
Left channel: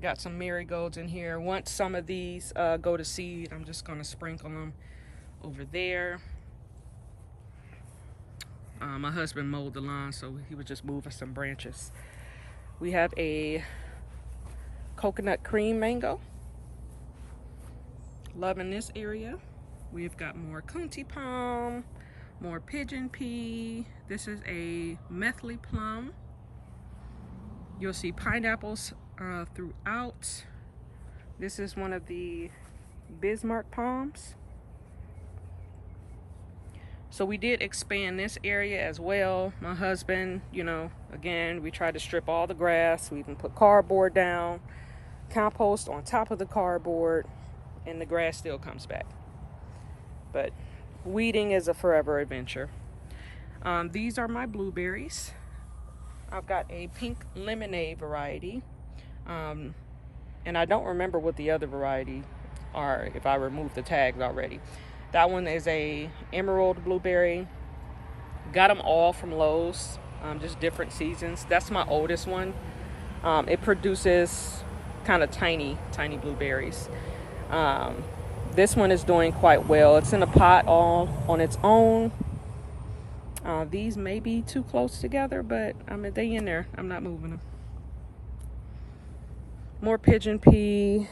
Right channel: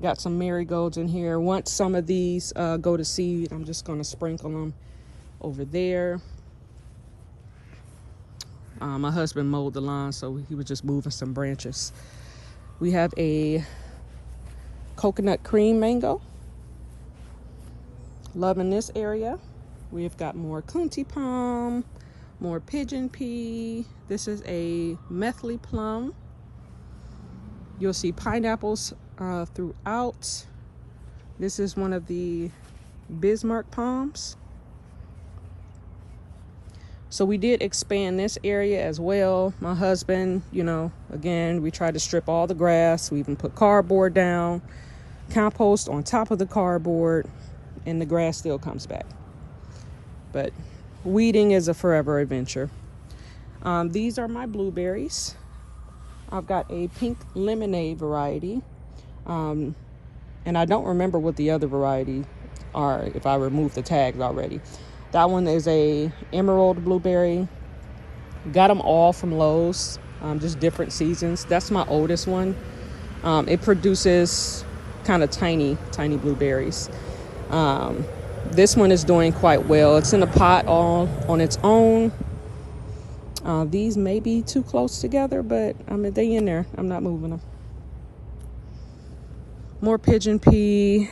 Got some marigolds in here. Once some of these go to seed, I'm just going to sprinkle them over there. My husband mowed the lawn, so he was just moving some branches. We have a coconut cream mango. Loving this area. We've got more kunti palm, more pigeon pea. This is a methley plum. You'll see pineapples throughout. This is one of the Bismarck palms. So we did expand this area as well. My husband, again, we tried to strip all the grass. We even put cardboard down, compost on top of the cardboard, and the grass still comes back. But weeding is a forever adventure. These are my blueberries. I've got a pink lemonade variety. And I don't remember what the other variety are if I removed the tags already. That one is a emerald blueberry. Got them all from Lowe's, just different seasons. That's my oldest one. It produces kind of tiny blueberries. This one is doing quite well. It's in a pot all on its own. These may be too close together, but I mean, they in there. I'm not moving them. More pigeon pea.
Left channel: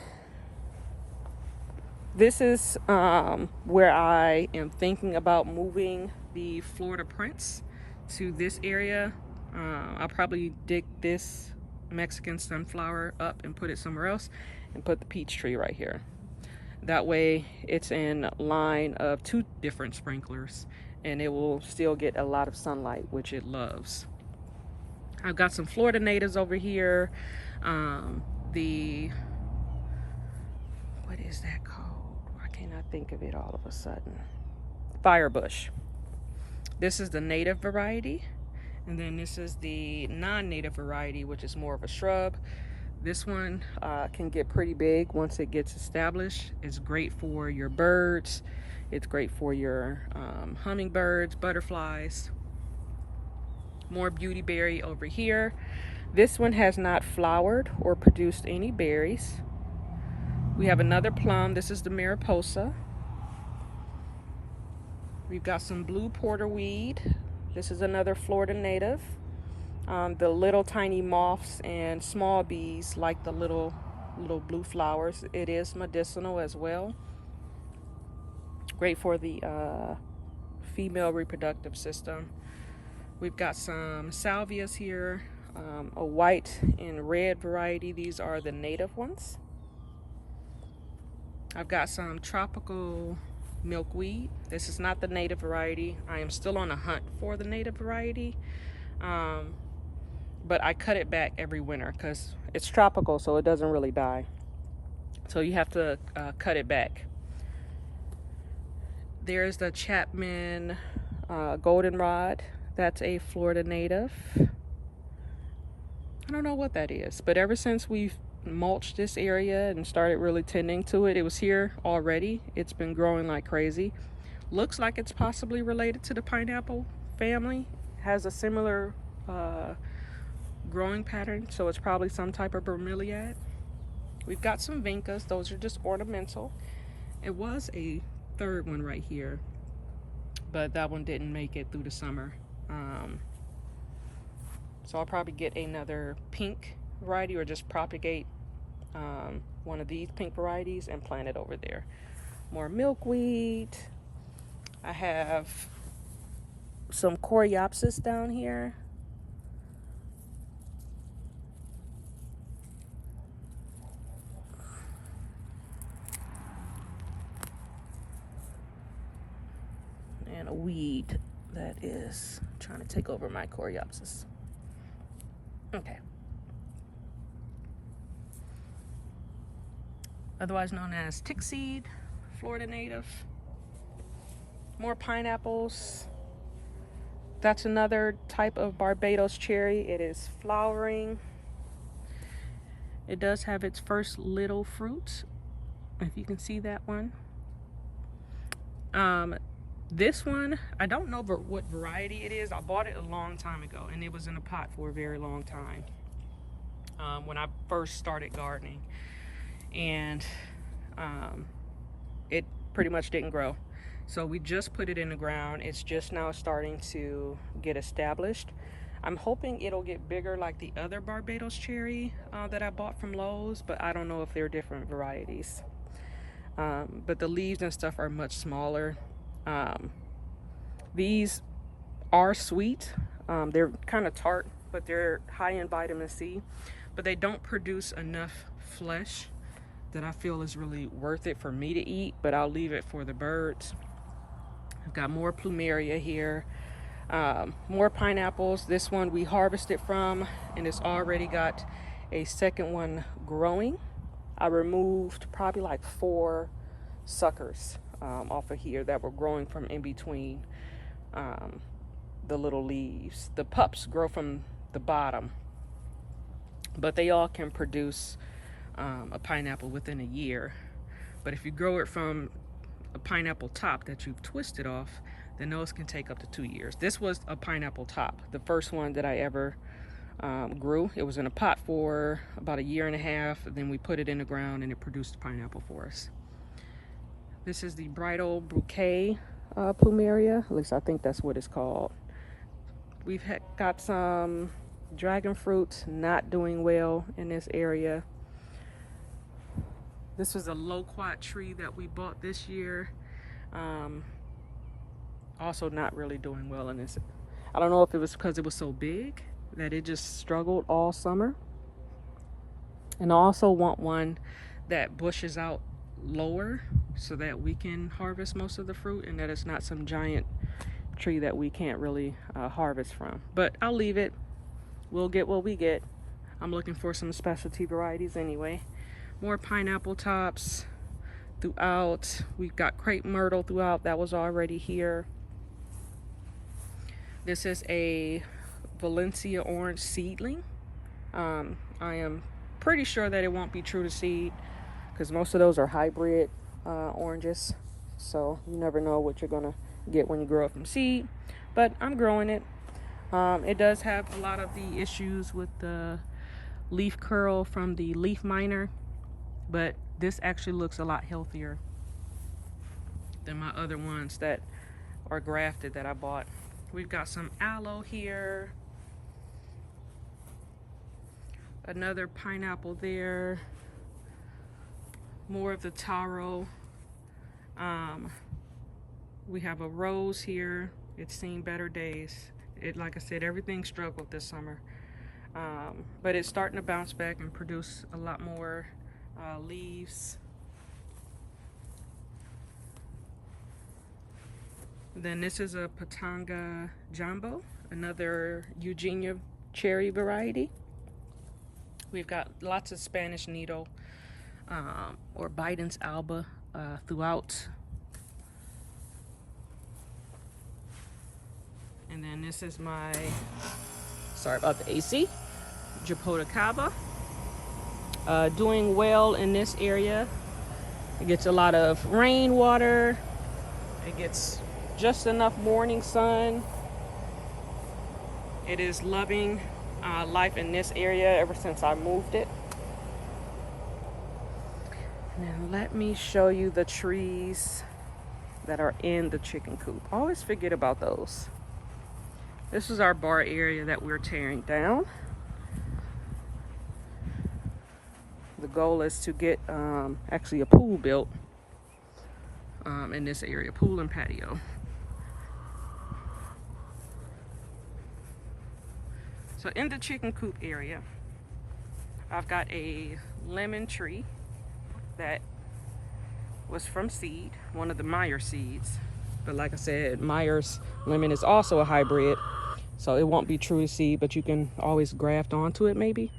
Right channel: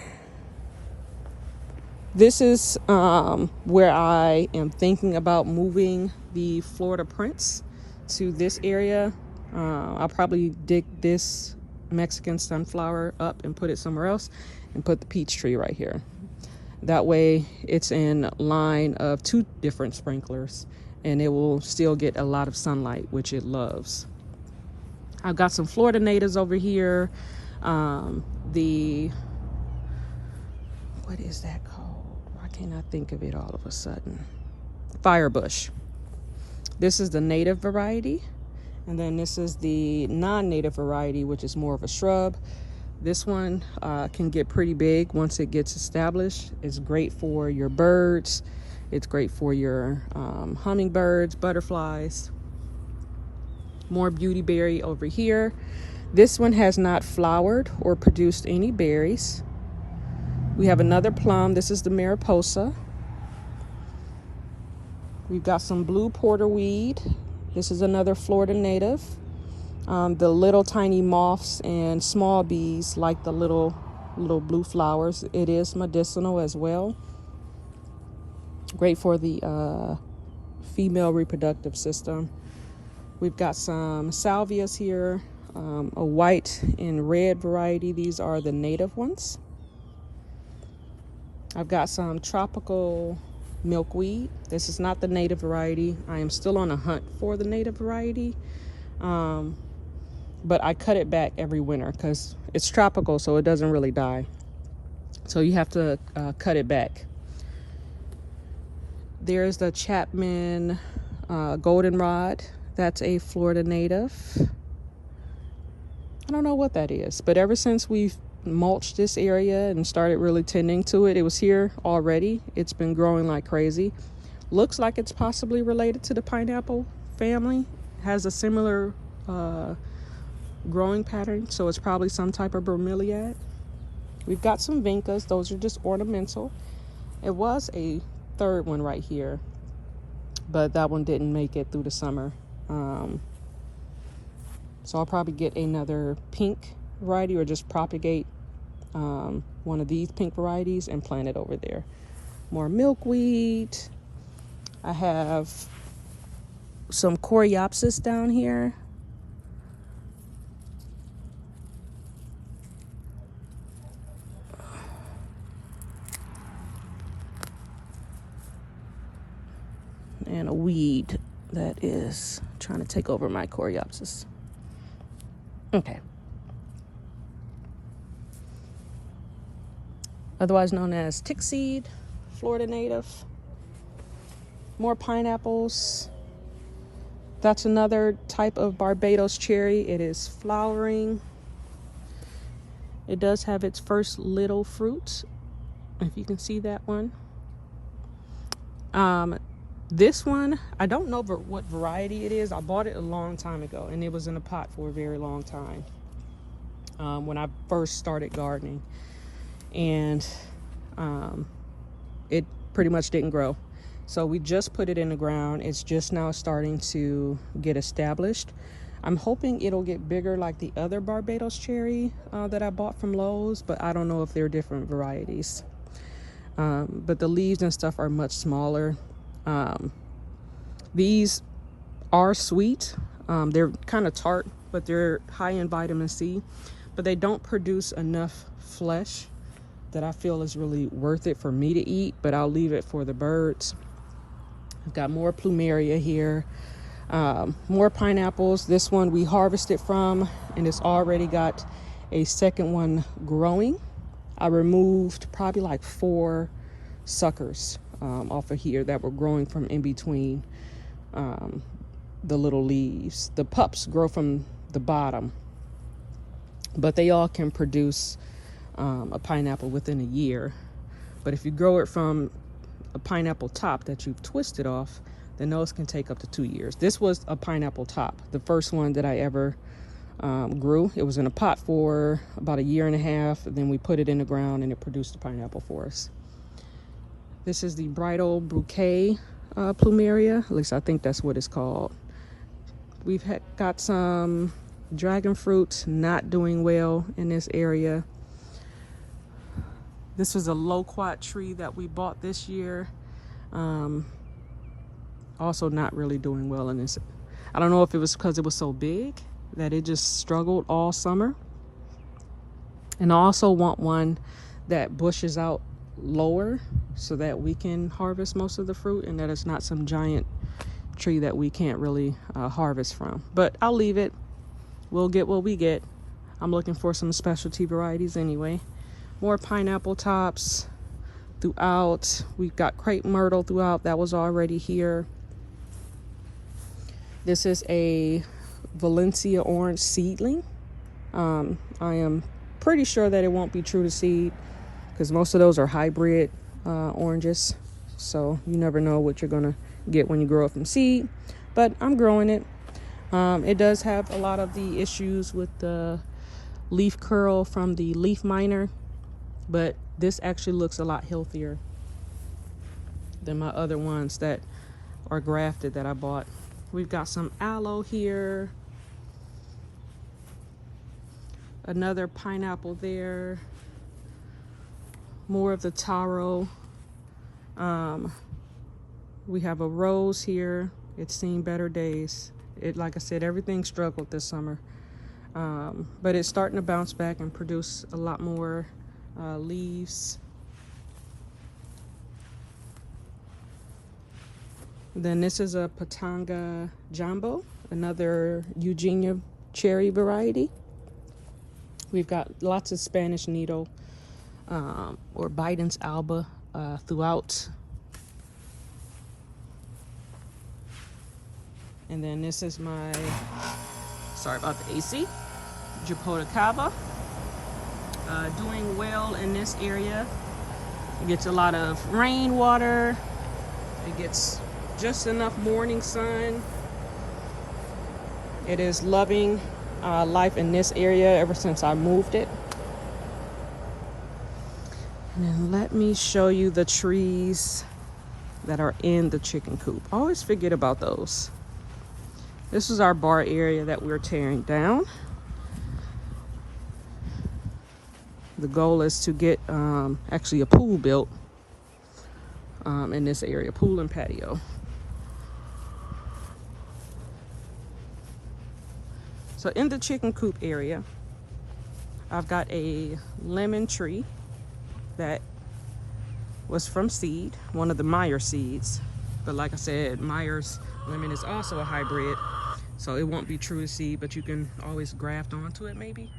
This is where I am thinking about moving the Florida Prince to this area. I'll probably dig this Mexican sunflower up and put it somewhere else and put the peach tree right here. That way it's in line of two different sprinklers and it will still get a lot of sunlight, which it loves. I've got some Florida natives over here. What is that called? Why can't I think of it all of a sudden? Firebush. This is the native variety, and then this is the non-native variety, which is more of a shrub. This one can get pretty big once it gets established. It's great for your birds. It's great for your hummingbirds, butterflies. More beautyberry over here. This one has not flowered or produced any berries. We have another plum. This is the Mariposa. We've got some blue porterweed. This is another Florida native. The little tiny moths and small bees like the little blue flowers. It is medicinal as well. Great for the female reproductive system. We've got some salvias here, a white and red variety. These are the native ones. I've got some tropical milkweed. This is not the native variety. I am still on a hunt for the native variety, but I cut it back every winter because it's tropical, so it doesn't really die. So you have to cut it back. There's the Chapman goldenrod. That's a Florida native. I don't know what that is, but ever since we've mulched this area and started really tending to it, it was here already. It's been growing like crazy. Looks like it's possibly related to the pineapple family. It has a similar growing pattern, so it's probably some type of bromeliad. We've got some vincas. Those are just ornamental. It was a third one right here, but that one didn't make it through the summer. So I'll probably get another pink variety or just propagate one of these pink varieties and plant it over there. More milkweed. I have some coreopsis down here. And a weed that is trying to take over my coreopsis. Okay. Otherwise known as tick seed, Florida native. More pineapples. That's another type of Barbados cherry. It is flowering. It does have its first little fruit, if you can see that one. This one, I don't know what variety it is. I bought it a long time ago, and it was in a pot for a very long time when I first started gardening. And it pretty much didn't grow. So we just put it in the ground. It's just now starting to get established. I'm hoping it'll get bigger like the other Barbados cherry that I bought from Lowe's, but I don't know if they're different varieties. But the leaves and stuff are much smaller. These are sweet. They're kind of tart, but they're high in vitamin C, but they don't produce enough flesh that I feel is really worth it for me to eat, but I'll leave it for the birds. I've got more plumeria here, more pineapples. This one we harvested from, and it's already got a second one growing. I removed probably like 4 suckers off of here that were growing from in between the little leaves. The pups grow from the bottom, but they all can produce a pineapple within a year. But if you grow it from a pineapple top that you've twisted off, then those can take up to 2 years. This was a pineapple top, the first one that I ever grew. It was in a pot for about 1.5 years. Then we put it in the ground and it produced a pineapple for us. This is the bridal bouquet plumeria. At least I think that's what it's called. We've got some dragon fruit not doing well in this area. This was a loquat tree that we bought this year. Also not really doing well in this. I don't know if it was because it was so big that it just struggled all summer. And I also want one that bushes out lower so that we can harvest most of the fruit, and that it's not some giant tree that we can't really harvest from. But I'll leave it. We'll get what we get. I'm looking for some specialty varieties anyway. More pineapple tops throughout. We've got crepe myrtle throughout. That was already here. This is a Valencia orange seedling. I am pretty sure that it won't be true to seed because most of those are hybrid oranges. So you never know what you're gonna get when you grow it from seed. But I'm growing it. It does have a lot of the issues with the leaf curl from the leaf miner, but this actually looks a lot healthier than my other ones that or grafted that I bought. We've got some aloe here, another pineapple there, more of the taro. We have a rose here. It's seen better days. Like I said, everything struggled this summer, but it's starting to bounce back and produce a lot more leaves. Then this is a Patanga Jumbo, another Eugenia cherry variety. We've got lots of Spanish needle or Biden's alba throughout. And then this is my, sorry about the AC, Japotacaba. Doing well in this area. It gets a lot of rainwater. It gets just enough morning sun. It is loving life in this area ever since I moved it. And then let me show you the trees that are in the chicken coop. I always forget about those. This is our bar area that we're tearing down. The goal is to get actually a pool built in this area, pool and patio. So in the chicken coop area, I've got a lemon tree that was from seed, one of the Meyer seeds. But like I said, Meyer's lemon is also a hybrid, so it won't be true to seed, but you can always graft onto it maybe.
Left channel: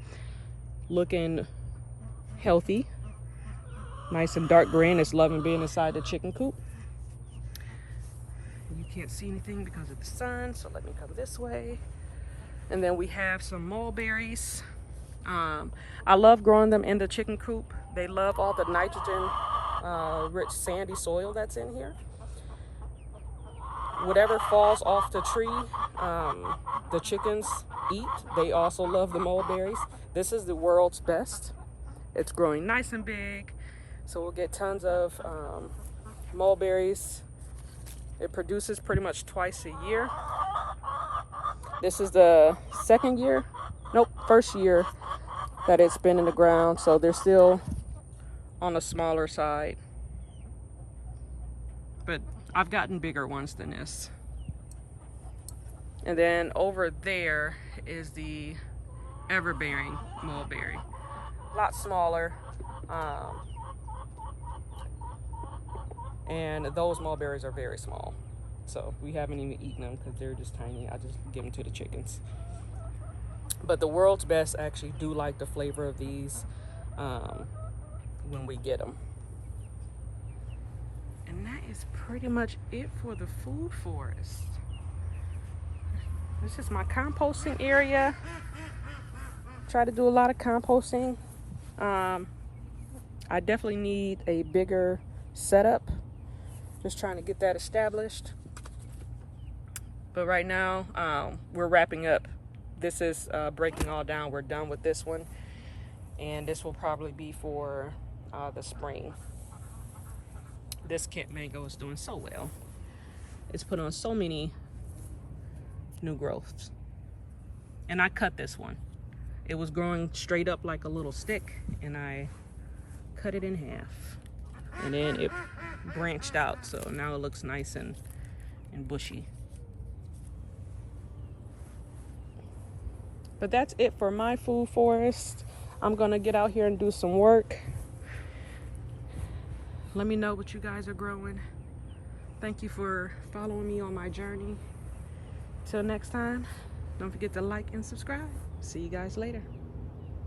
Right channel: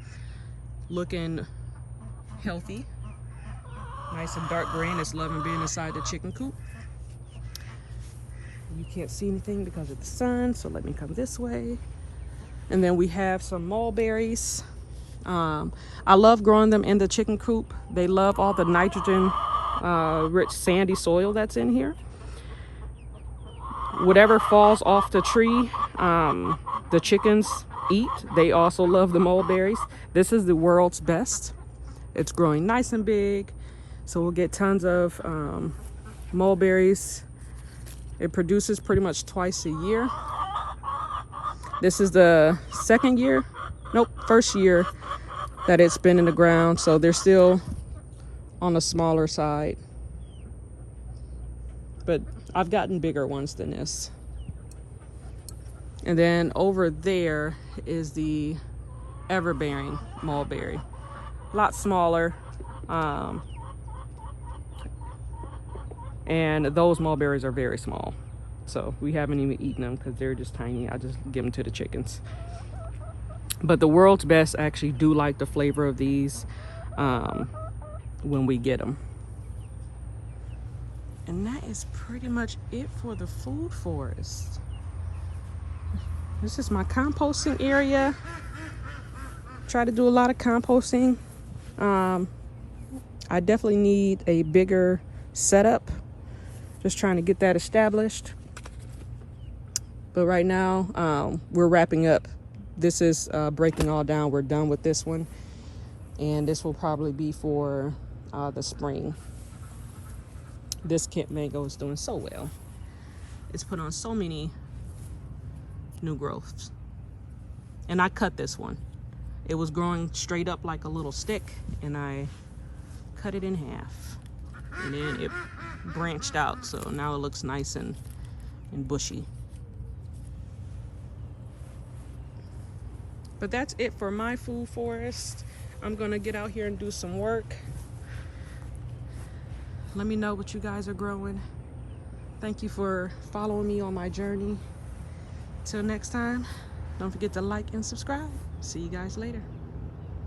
Looking healthy, nice and dark green. It's loving being inside the chicken coop. You can't see anything because of the sun, so let me come this way. And then we have some mulberries. I love growing them in the chicken coop. They love all the nitrogen rich sandy soil that's in here. Whatever falls off the tree, the chickens eat. They also love the mulberries. This is the world's best. It's growing nice and big, so we'll get tons of mulberries. It produces pretty much twice a year. This is the first year that it's been in the ground, so they're still on the smaller side. But I've gotten bigger ones than this. And then over there is the everbearing mulberry. A lot smaller. And those mulberries are very small. So we haven't even eaten them because they're just tiny. I just give them to the chickens. But the world's best actually do like the flavor of these when we get them. And that is pretty much it for the food forest. This is my composting area. Try to do a lot of composting. I definitely need a bigger setup. Just trying to get that established. But right now, we're wrapping up. This is breaking all down. We're done with this one. And this will probably be for the spring. This Kent mango is doing so well. It's put on so many new growths. And I cut this one. It was growing straight up like a little stick, and I cut it in half. And then it branched out, so now it looks nice and bushy. But that's it for my food forest. I'm gonna get out here and do some work. Let me know what you guys are growing. Thank you for following me on my journey. Till next time, don't forget to like and subscribe. See you guys later.